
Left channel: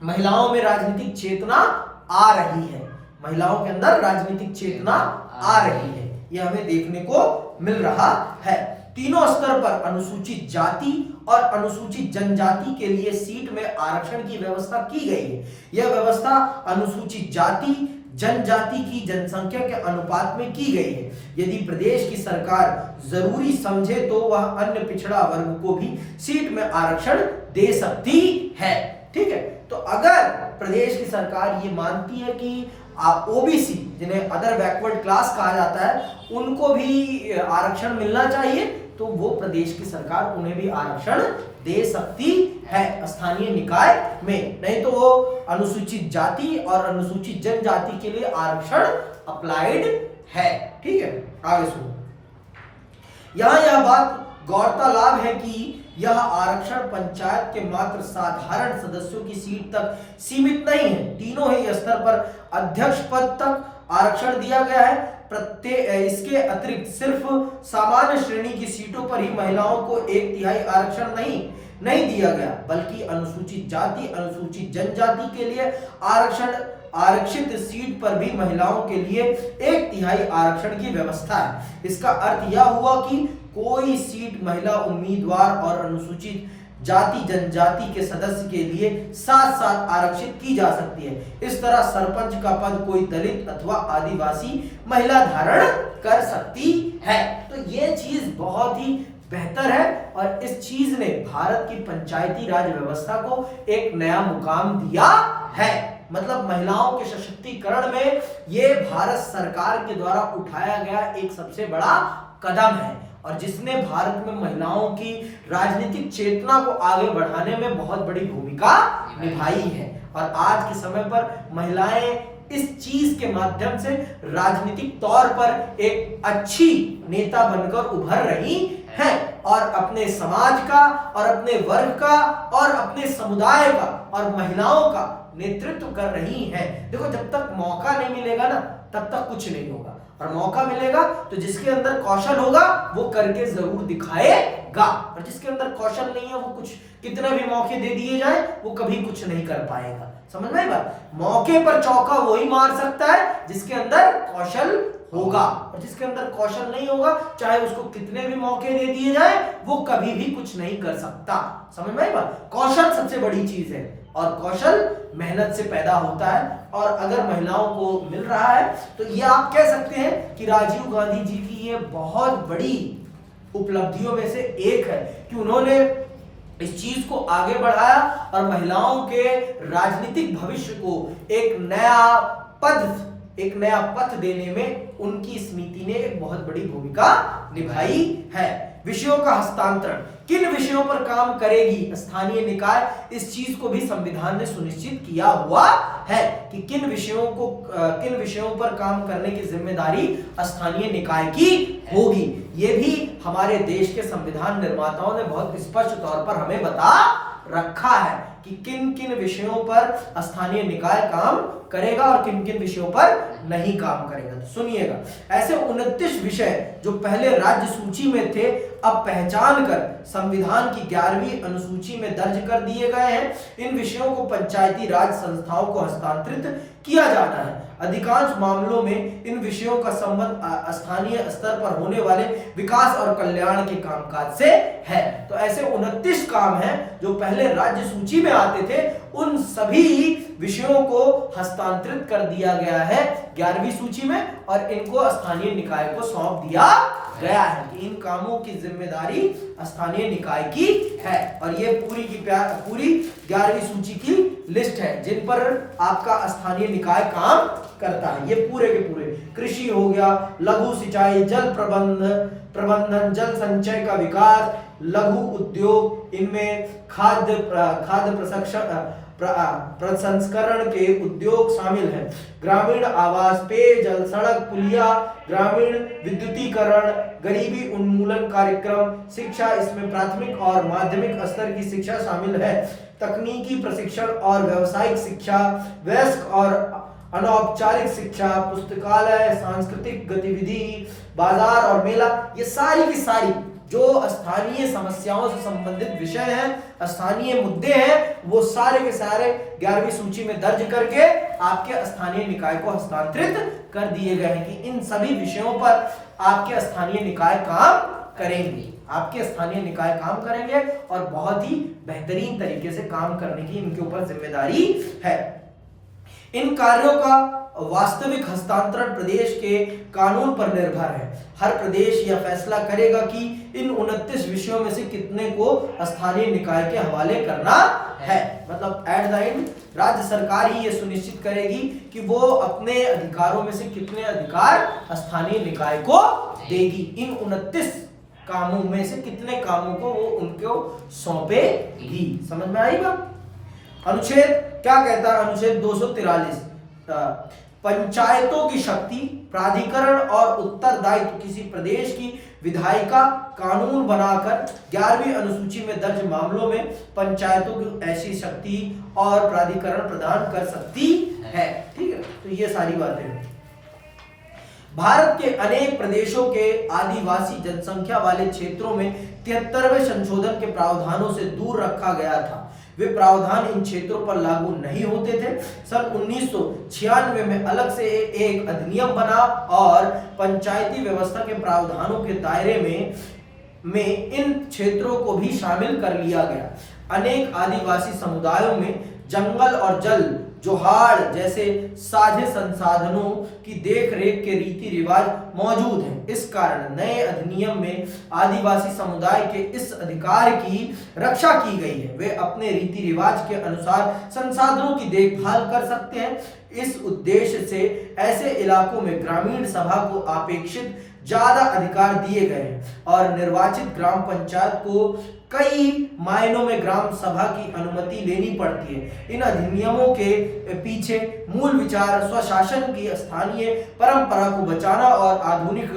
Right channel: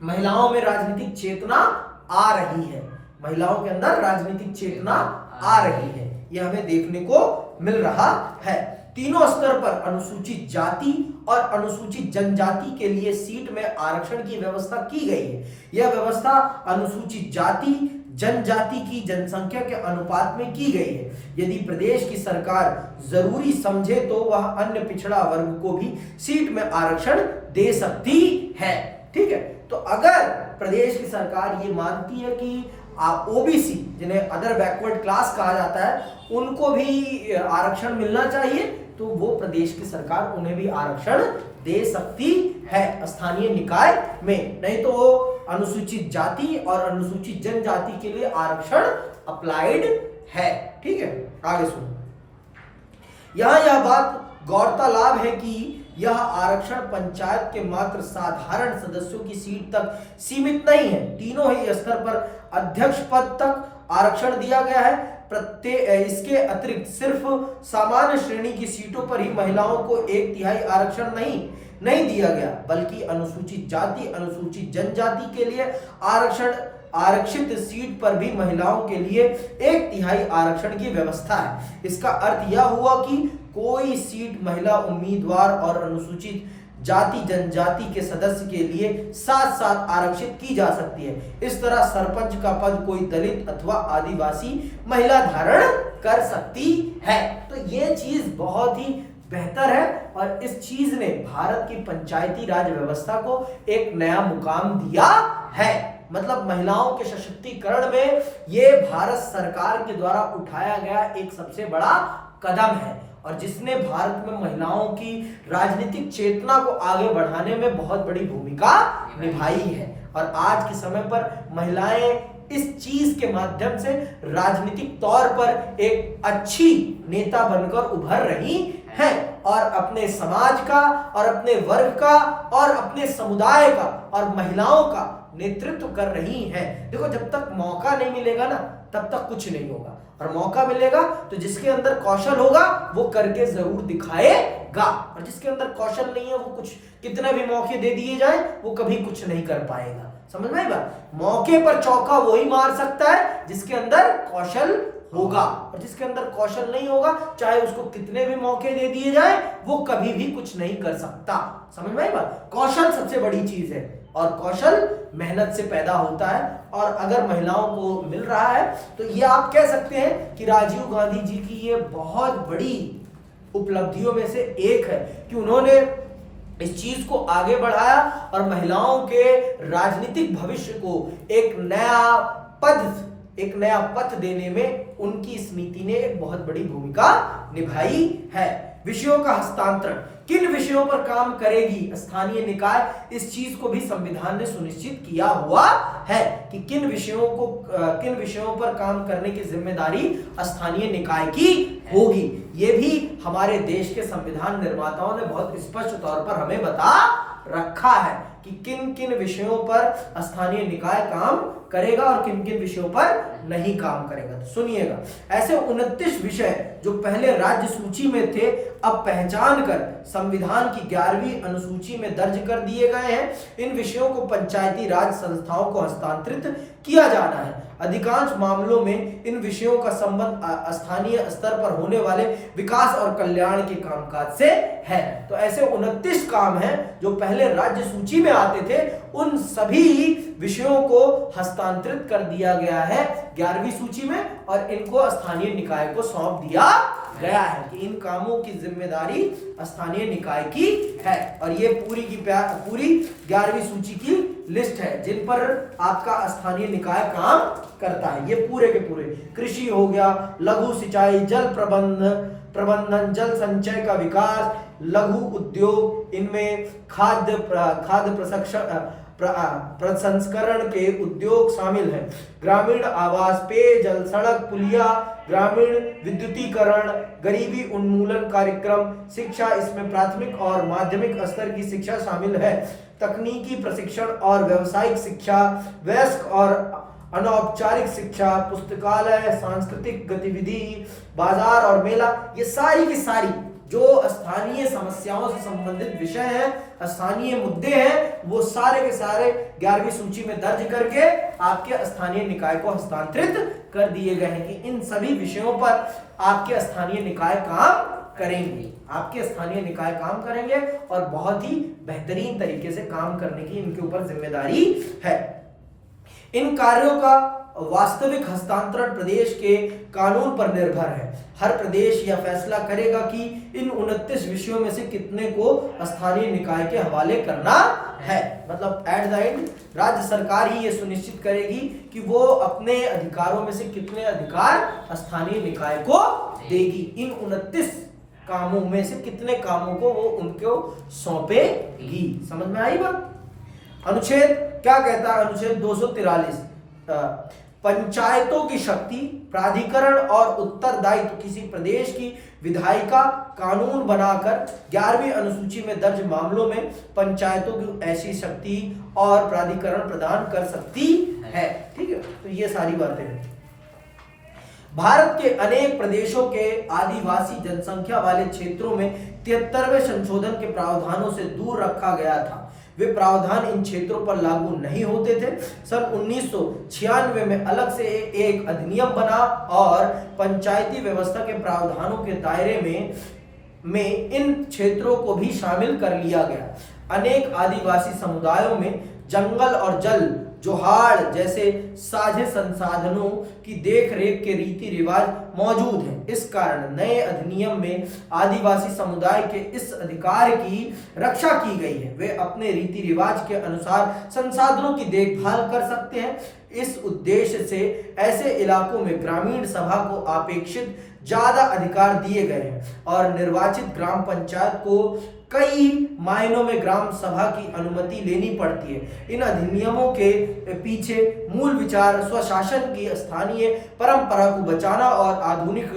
महिलाओं में राजनीतिक चेतना आ रही है, महिलाओं के अंदर राजनीतिक चेतना आ रही है, यह हमें देखने को मिल रहा है। तीनों स्तर पर अनुसूचित जाति और अनुसूचित जनजाति के लिए सीट में आरक्षण की व्यवस्था की गई है। यह व्यवस्था अनुसूचित जाति जनजाति की जनसंख्या के अनुपात में की गई है। यदि प्रदेश की सरकार जरूरी समझे तो वह अन्य पिछड़ा वर्ग को भी सीट में आरक्षण दे सकती है। ठीक है, तो अगर प्रदेश की सरकार ये मानती है कि ओबीसी, जिन्हें अदर बैकवर्ड क्लास कहा जाता है, उनको भी आरक्षण मिलना चाहिए, तो वो प्रदेश की सरकार उन्हें भी आरक्षण दे सकती है स्थानीय निकाय में। नहीं तो वो अनुसूचित जाति और अनुसूचित जनजाति के लिए आरक्षण अप्लाइड है। ठीक है, आगे सुनो। यहां यह बात गौरतलब है कि यह आरक्षण पंचायत के मात्र साधारण सदस्यों की सीट तक सीमित नहीं है। तीनों ही स्तर पर अध्यक्ष पद तक आरक्षण दिया गया है। इसके अतिरिक्त सिर्फ सामान्य श्रेणी की सीटों पर ही महिलाओं को 1/3 आरक्षण नहीं दिया गया, बल्कि अनुसूचित जाति अनुसूचित जनजाति के लिए आरक्षित सीट पर भी महिलाओं के लिए 1/3 आरक्षण की व्यवस्था है। इसका अर्थ यह हुआ कि कोई सीट महिला उम्मीदवार और अनुसूचित जाति जनजाति के सदस्य के लिए साथ साथ आरक्षित की जा सकती है। इस तरह सरपंच का पद कोई दलित अथवा आदिवासी महिला धारण कर सकती है। तो ये चीज बहुत ही बेहतर है और इस चीज ने भारत की पंचायती राज व्यवस्था को एक नया मुकाम दिया है। मतलब महिलाओं के सशक्तिकरण में ये भारत सरकार के द्वारा उठाया गया एक सबसे बड़ा कदम है और जिसने भारत में महिलाओं की राजनीतिक चेतना को आगे बढ़ाने में बहुत बड़ी भूमिका निभाई है। और आज के समय पर महिलाएं इस चीज के माध्यम से राजनीतिक तौर पर एक अच्छी नेता बनकर उभर रही हैं और अपने समाज का और अपने वर्ग का और अपने समुदाय का और महिलाओं का नेतृत्व कर रही हैं। देखो, जब तक मौका नहीं मिलेगा ना, तब तक कुछ नहीं होगा, और मौका मिलेगा तो जिसके अंदर कौशल होगा वो करके जरूर दिखाएगा, और जिसके अंदर कौशल नहीं है वो कुछ कितने भी मौके दे दिए जाए वो कभी कुछ नहीं कर पाएगा। समझ में आई बात? मौके पर चौका वही मार सकता है जिसके अंदर कौशल होगा, और जिसके अंदर कौशल नहीं होगा चाहे उसको कितने भी मौके दे दिए जाए वो कभी भी कुछ नहीं कर सकता। समझ में आई बात? कौशल सबसे बड़ी चीज है और कौशल मेहनत से पैदा होता है, और अगर महिलाओं को मिल रहा है तो ये आप कह सकते हैं कि राजीव गांधी जी की ये बहुत बड़ी उपलब्धियों में से एक है कि उन्होंने इस चीज को आगे बढ़ाया और महिलाओं के राजनीतिक भविष्य को एक नया पथ देने में उनकी समिति ने एक बहुत बड़ी भूमिका निभाई है। विषयों का हस्तांतरण, किन विषयों पर काम करेगी स्थानीय निकाय, इस चीज को भी संविधान ने सुनिश्चित किया हुआ है कि किन विषयों पर काम करने की जिम्मेदारी स्थानीय निकाय की होगी। ये भी हमारे देश के संविधान निर्माताओं ने बहुत स्पष्ट तौर पर हमें बता रखा है कि किन किन विषयों पर स्थानीय निकाय काम करेगा और किन किन विषयों पर नहीं काम करेगा। तो सुनिएगा, ऐसे 29 विषय जो पहले राज्य सूची में थे अब पहचान कर संविधान की 11वीं अनुसूची में दर्ज कर दिए गए हैं। इन विषयों को पंचायती राज संस्थाओं को हस्तांतरित किया जाना है। अधिकांश मामलों में इन विषयों का संबंध स्थानीय स्तर पर होने वाले विकास और कल्याण के कामकाज से है। तो ऐसे 29 काम हैं जो पहले राज्य सूची में आते थे, उन सभी विषयों को हस्तांतरित कर दिया गया है 11वीं सूची में और इनको स्थानीय निकाय को सौंप दिया गया है कि इन कामों की जिम्मेदारी स्थानीय निकाय की है। और ये पूरी की पूरी 11वीं सूची की लिस्ट है जिन पर आपका स्थानीय निकाय काम करता है। ये पूरे के पूरे कृषि हो गया, लघु सिंचाई, जल प्रबंधन, जल संचय का विकास, लघु उद्योग, इनमें खाद्य प्रसंस्करण के उद्योग शामिल हैं, ग्रामीण आवास, पेयजल, सड़क, पुलिया, ग्रामीण विद्युतीकरण, गरीबी उन्मूलन कार्यक्रम, शिक्षा, इसमें प्राथमिक और माध्यमिक स्तर की शिक्षा शामिल है, तकनीकी प्रशिक्षण और व्यावसायिक शिक्षा, वयस्क और अनौपचारिक शिक्षा, पुस्तकालय, सांस्कृतिक गतिविधि, बाजार और मेला। ये सारी की सारी जो स्थानीय समस्याओं से संबंधित विषय हैं, स्थानीय मुद्दे हैं, वो सारे के सारे 11वीं सूची में दर्ज करके आपके स्थानीय निकाय को हस्तांतरित कर दिए गए हैं कि इन सभी विषयों पर आपके स्थानीय निकाय काम करेंगे। आपके स्थानीय निकाय काम करेंगे और बहुत ही बेहतरीन तरीके से काम करने की इनके ऊपर जिम्मेदारी है। इन कार्यों का वास्तविक हस्तांतरण प्रदेश के कानून पर निर्भर है। हर प्रदेश यह फैसला करेगा कि इन 29 विषयों में से कितने को स्थानीय निकाय के हवाले करना है। मतलब एट द एंड राज्य सरकार ही ये सुनिश्चित करेगी कि वो अपने अधिकारों में से कितने अधिकार स्थानीय निकाय को देगी। इन 29 कामों में से कितने कामों को वो उनको सौंपेगी। समझ में आई बात? अनुच्छेद क्या कहता है? अनुच्छेद 243 पंचायतों की शक्ति, प्राधिकरण और उत्तरदायित्व। किसी प्रदेश की विधायिका कानून बनाकर 11वीं अनुसूची में दर्ज मामलों में पंचायतों की ऐसी शक्ति और प्राधिकरण प्रदान कर सकती है। ठीक है, तो ये सारी बातें हैं। भारत के अनेक प्रदेशों के आदिवासी जनसंख्या वाले क्षेत्रों में 73वें संशोधन के प्रावधानों से दूर रखा गया था। वे प्रावधान इन क्षेत्रों पर लागू नहीं होते थे। सन 1996 में अलग से एक अधिनियम बना और पंचायती व्यवस्था के प्रावधानों के दायरे में इन क्षेत्रों को भी शामिल कर लिया गया। अनेक आदिवासी समुदायों में जंगल और जल जोहाड़ जैसे साझे संसाधनों की देखरेख के रीति रिवाज मौजूद हैं। इस कारण नए अधिनियम में आदिवासी समुदाय के इस अधिकार की रक्षा की गई है। वे अपने रीति रिवाज के अनुसार संसाधनों की देखभाल कर सकते हैं। इस उद्देश्य से ऐसे इलाकों में ग्रामीण सभा को अपेक्षित ज्यादा अधिकार दिए गए हैं और निर्वाचित ग्राम पंचायत को कई मायनों में ग्राम सभा की अनुमति लेनी पड़ती है। इन अधिनियमों के पीछे मूल विचार स्वशासन की स्थानीय परंपरा को बचाना और आधुनिक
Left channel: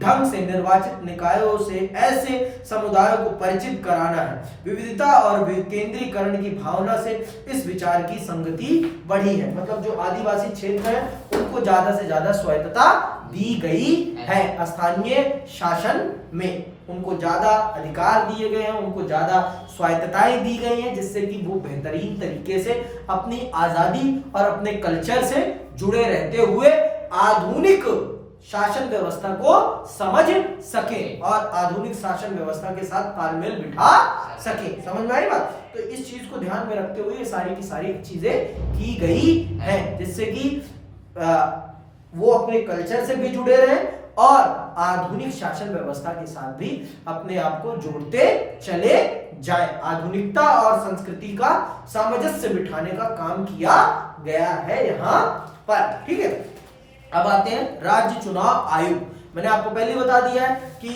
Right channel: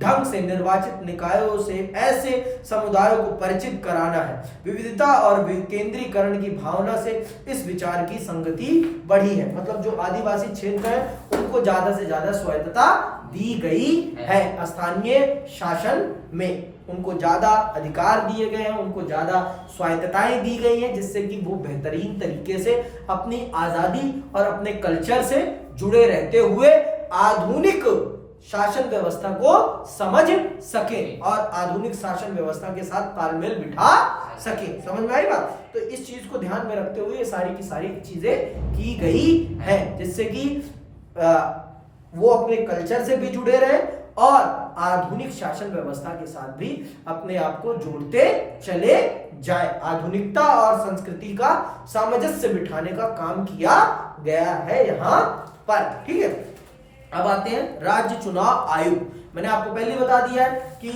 ढंग से निर्वाचित निकायों से ऐसे समुदायों को परिचित कराना है। विविधता और विकेंद्रीकरण की भावना से इस विचार की संगति बढ़ी है। मतलब जो आदिवासी क्षेत्र है उनको ज्यादा से ज्यादा स्वायत्तता दी गई है। स्थानीय शासन में उनको ज्यादा अधिकार दिए गए हैं, उनको ज्यादा स्वायत्तताएं दी गई हैं, जिससे कि वो बेहतरीन तरीके से अपनी आजादी और अपने कल्चर से जुड़े रहते हुए आधुनिक शासन व्यवस्था को समझ सके और आधुनिक शासन व्यवस्था के साथ तालमेल बिठा सके। समझ में आई बात? तो इस चीज को ध्यान में रखते हुए ये सारी की सारी चीजें की गई हैं, जिससे कि वो अपने कल्चर से भी जुड़े रहे और आधुनिक शासन व्यवस्था के साथ भी अपने आप को जोड़ते चले जाए। आधुनिकता और संस्कृति का सामंजस्य बिठाने का काम किया गया है यहाँ पर। ठीक है, अब आते हैं राज्य चुनाव आयुक्त। मैंने आपको पहले बता दिया है कि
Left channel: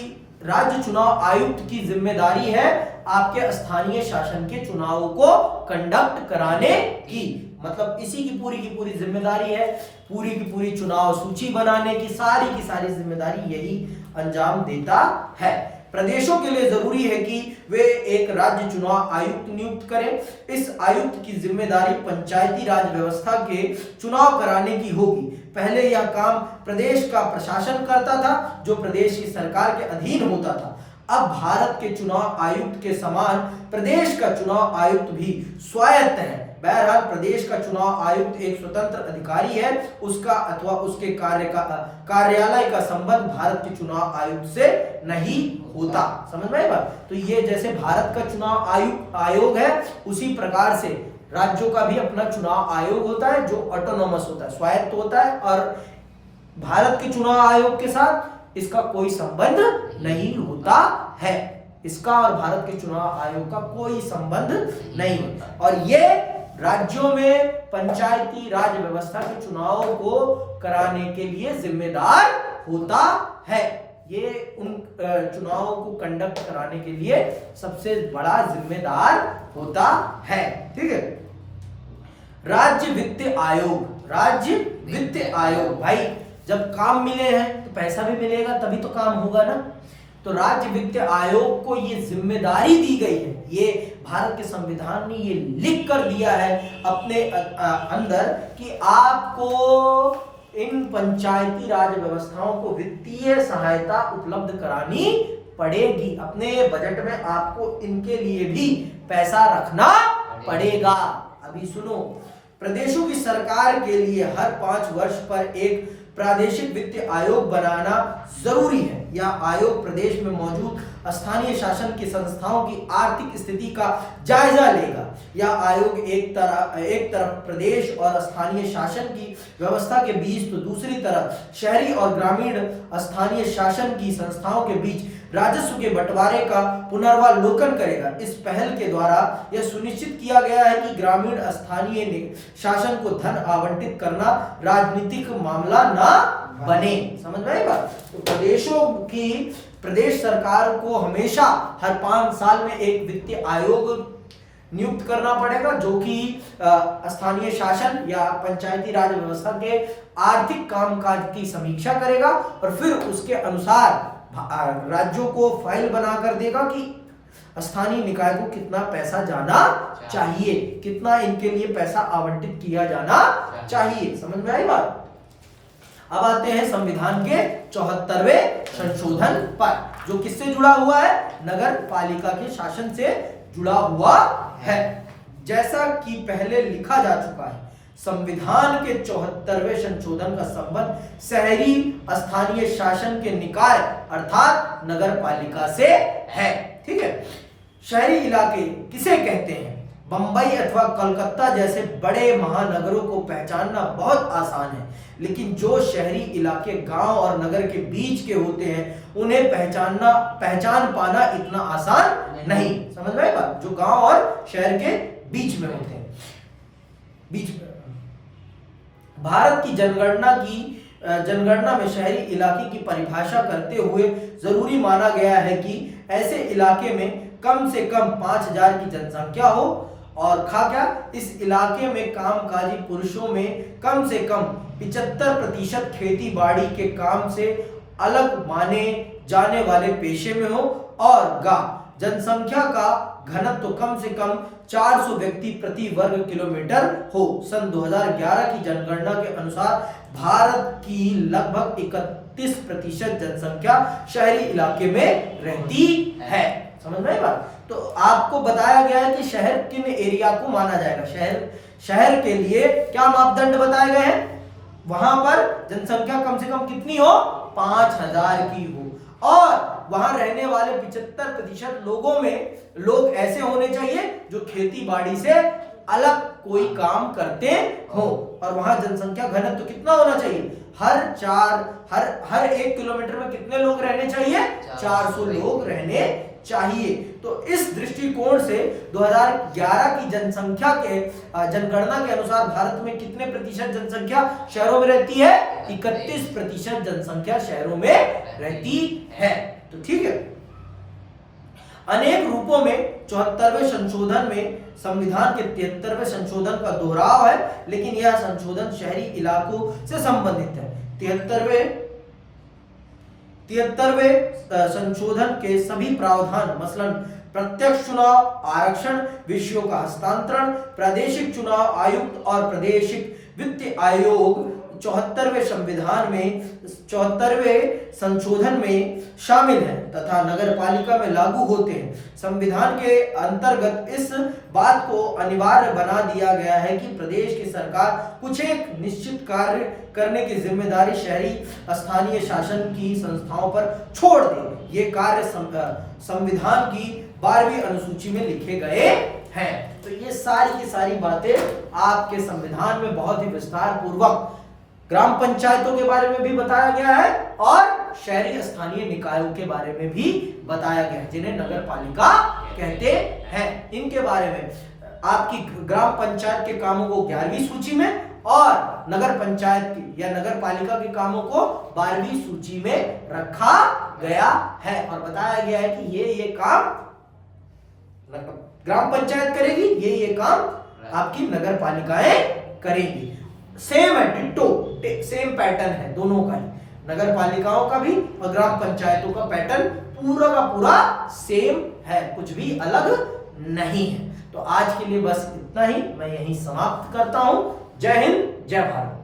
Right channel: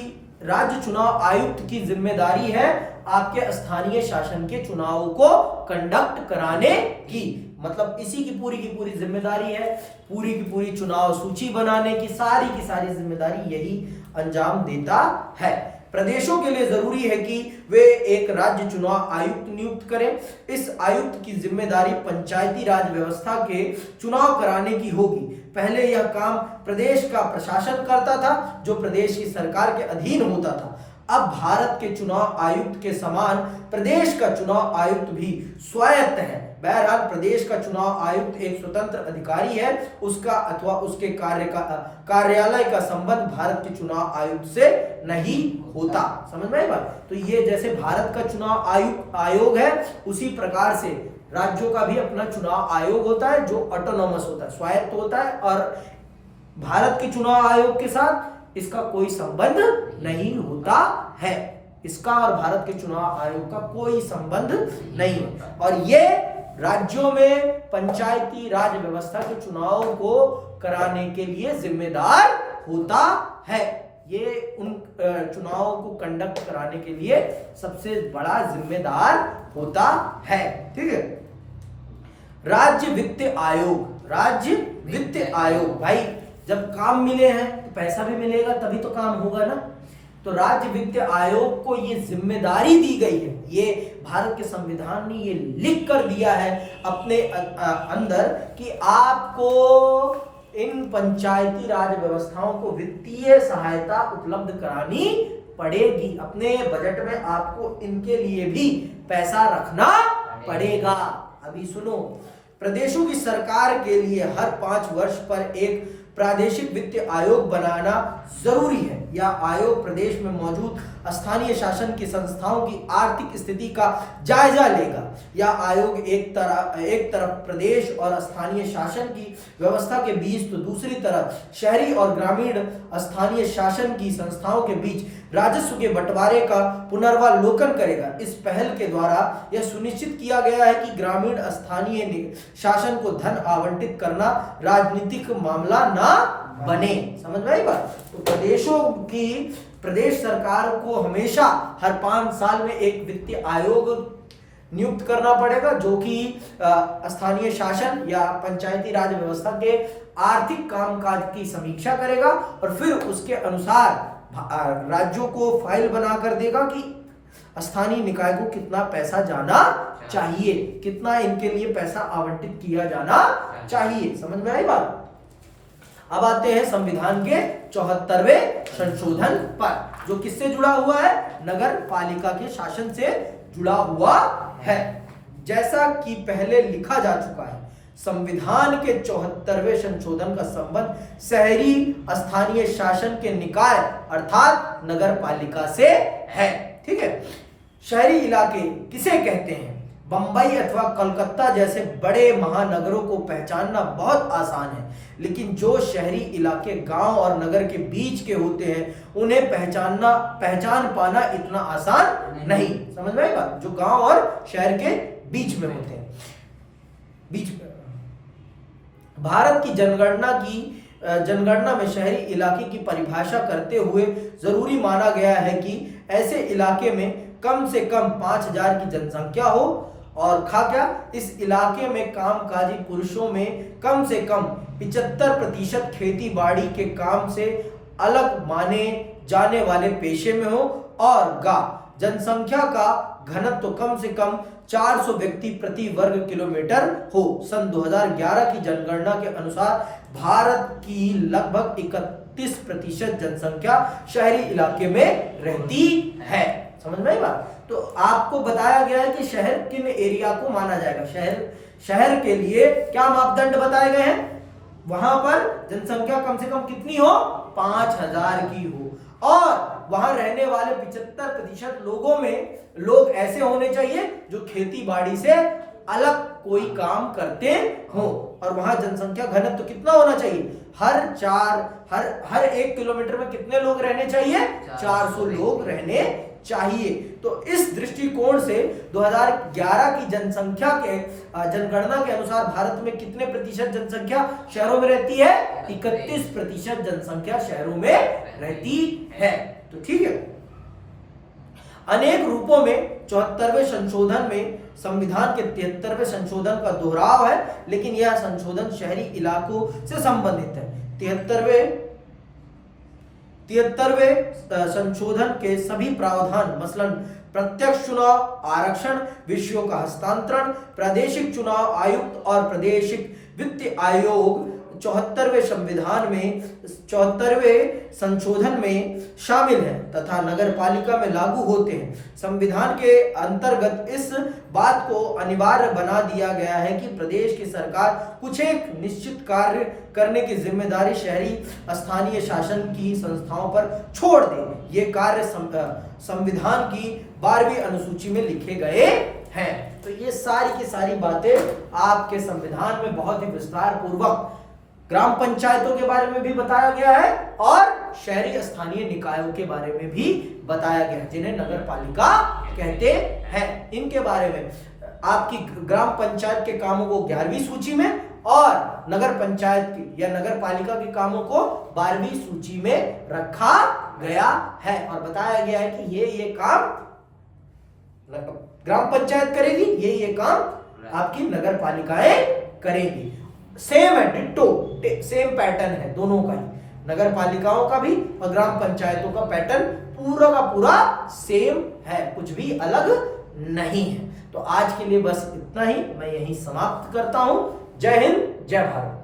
राज्य चुनाव आयुक्त की जिम्मेदारी है आपके स्थानीय शासन के चुनावों को कंडक्ट कराने की। मतलब इसी की पूरी जिम्मेदारी है, पूरी की पूरी चुनाव सूची बनाने की सारी जिम्मेदारी यही अंजाम देता है। प्रदेशों के लिए जरूरी है कि वे एक राज्य चुनाव आयुक्त नियुक्त करें। इस आयुक्त की जिम्मेदारी पंचायती राज व्यवस्था के चुनाव कराने की होगी। पहले यह काम प्रदेश का प्रशासन करता था, जो प्रदेश की सरकार के अधीन होता था। अब भारत के चुनाव आयुक्त के समान प्रदेश का चुनाव आयुक्त भी स्वायत्त है। बहरहाल प्रदेश का चुनाव आयुक्त एक स्वतंत्र अधिकारी है, उसका अथवा उसके कार्यालय का संबंध भारत के चुनाव आयुक्त से नहीं होता। समझ में आई बात? तो ये जैसे भारत का चुनाव आयोग है, उसी प्रकार से राज्यों का भी अपना चुनाव आयोग होता है, जो ऑटोनोमस होता है, स्वायत्त होता है, और भारत के चुनाव आयोग के साथ इसका कोई संबंध नहीं होता है। इसका और भारत के चुनाव आयोग का कोई संबंध नहीं है। और ये राज्यों में पंचायती राज व्यवस्था के चुनाव को कराने के लिए जिम्मेदार होता है। ये उन चुनावों को कंडक्ट कराने के लिए सबसे बड़ा जिम्मेदार होता है। ठीक है। राज्य वित्त आयोग भाई, जब काम मिले हैं तो पैसा भी मिलेगा, तभी तो काम होगा ना। तो राज्य वित्त आयोग को ये जिम्मेदारी दी गई है, ये भारत के संविधान ने ये लिख कर दिया है अपने अंदर कि आपको इन पंचायती राज व्यवस्थाओं को वित्तीय सहायता उपलब्ध करानी पड़ेगी। अपने बजट में आपको इनके लिए भी पैसा रखना पड़ेगा। अभी सुनो, प्रदेशों की सरकार के लिए हर 5 वर्ष पर एक प्रादेशिक वित्त आयोग बनाना जरूरी है। यह आयोग प्रदेश में मौजूद स्थानीय शासन की संस्थाओं की आर्थिक स्थिति का जायजा लेगा। यह आयोग एक तरफ प्रदेश और स्थानीय शासन की व्यवस्था के बीच, तो दूसरी तरफ शहरी और ग्रामीण स्थानीय शासन की संस्थाओं के बीच राजस्व के बंटवारे का पुनर्वालोकन करेगा। इस पहल के द्वारा यह सुनिश्चित किया गया है कि ग्रामीण स्थानीय शासन को धन आवंटित करना राजनीतिक मामला ना बने। समझ में आई बात? तो प्रदेश सरकार को हमेशा हर 5 साल में एक वित्तीय आयोग नियुक्त करना पड़ेगा, जो कि स्थानीय शासन या पंचायती राज व्यवस्था के आर्थिक कामकाज की समीक्षा करेगा और फिर उसके अनुसार राज्यों को फाइल बनाकर देगा कि स्थानीय निकाय को कितना पैसा जाना चाहिए, कितना इनके लिए पैसा आवंटित किया जाना चाहिए। समझ में आई बात? अब आते हैं संविधान के 74वें संशोधन पर, जो किससे जुड़ा हुआ है? नगर पालिका के शासन से जुड़ा हुआ है। जैसा कि पहले लिखा जा चुका है, संविधान के 74वें संशोधन का संबंध शहरी स्थानीय शासन के निकाय अर्थात नगर पालिका से है। ठीक है। शहरी इलाके किसे कहते हैं? बंबई अथवा कोलकाता जैसे बड़े महानगरों को पहचानना बहुत आसान है, लेकिन जो शहरी इलाके गांव और नगर के बीच के होते हैं, उन्हें पहचान पाना इतना आसान नहीं। समझ में आई बात? जो गांव और शहर के बीच में होते हैं, बीच में। भारत की जनगणना में शहरी इलाके की परिभाषा करते हुए जरूरी माना गया है कि ऐसे इलाके में कम से कम 5000 की जनसंख्या हो और इस इलाके में कामकाजी पुरुषों में कम से कम 75% खेती बाड़ी के काम से अलग माने जाने वाले पेशे में हो और जनसंख्या का घनत्व कम से कम 400 व्यक्ति प्रति वर्ग किलोमीटर हो। सन 2011 की जनगणना के अनुसार भारत की लगभग 31% जनसंख्या शहरी इलाके में रहती है। समझ में आई बात? तो आपको बताया गया है कि शहर किन एरिया को माना जाएगा। शहर के लिए क्या मापदंड बताए गए हैं? वहां पर जनसंख्या कम से कम कितनी हो? 5000 की हो और वहां रहने वाले 75% लोग ऐसे होने चाहिए जो खेती बाड़ी से अलग कोई काम करते हो। और वहां जनसंख्या घनत्व तो कितना होना चाहिए? हर 1 किलोमीटर में कितने लोग रहने चाहिए? 400 लोग रहने चाहिए। तो इस दृष्टिकोण से 2011 की जनगणना के अनुसार भारत में कितने प्रतिशत जनसंख्या शहरों में रहती है? 31% जनसंख्या शहरों में रहती है। तो ठीक है। अनेक रूपों में 74वें संशोधन में संविधान के 73वें संशोधन का दोहराव है, लेकिन यह संशोधन शहरी इलाकों से संबंधित है। 73वें संशोधन के सभी प्रावधान मसलन प्रत्यक्ष चुनाव, आरक्षण, विषयों का हस्तांतरण, प्रादेशिक चुनाव आयुक्त और प्रादेशिक वित्त आयोग 74वें संशोधन में शामिल है तथा नगर पालिका में लागू होते हैं। संविधान के अंतर्गत इस बात को अनिवार्य बना दिया गया है कि प्रदेश की सरकार कुछ एक निश्चित कार्य करने की जिम्मेदारी शहरी स्थानीय शासन की संस्थाओं पर छोड़ दे। ये कार्य संविधान की 12वीं अनुसूची में लिखे गए हैं। तो ये सारी की सारी बातें आपके संविधान में बहुत ही विस्तार पूर्वक ग्राम पंचायतों के बारे में भी बताया गया है और शहरी स्थानीय निकायों के बारे में भी बताया गया है, जिन्हें नगर पालिका कहते हैं। इनके बारे में आपकी ग्राम पंचायत के कामों को 11वीं सूची में और नगर पंचायत की या नगर पालिका के कामों को 12वीं सूची में रखा गया है और बताया गया है कि ये काम ग्राम पंचायत करेगी, ये काम आपकी नगर पालिकाएं करेगी। सेम है, डिट्टो सेम पैटर्न है दोनों का ही, नगर पालिकाओं का भी और ग्राम पंचायतों का पैटर्न पूरा का पूरा सेम है, कुछ भी अलग नहीं है। तो आज के लिए बस इतना ही, मैं यहीं समाप्त करता हूं। जय हिंद, जय भारत।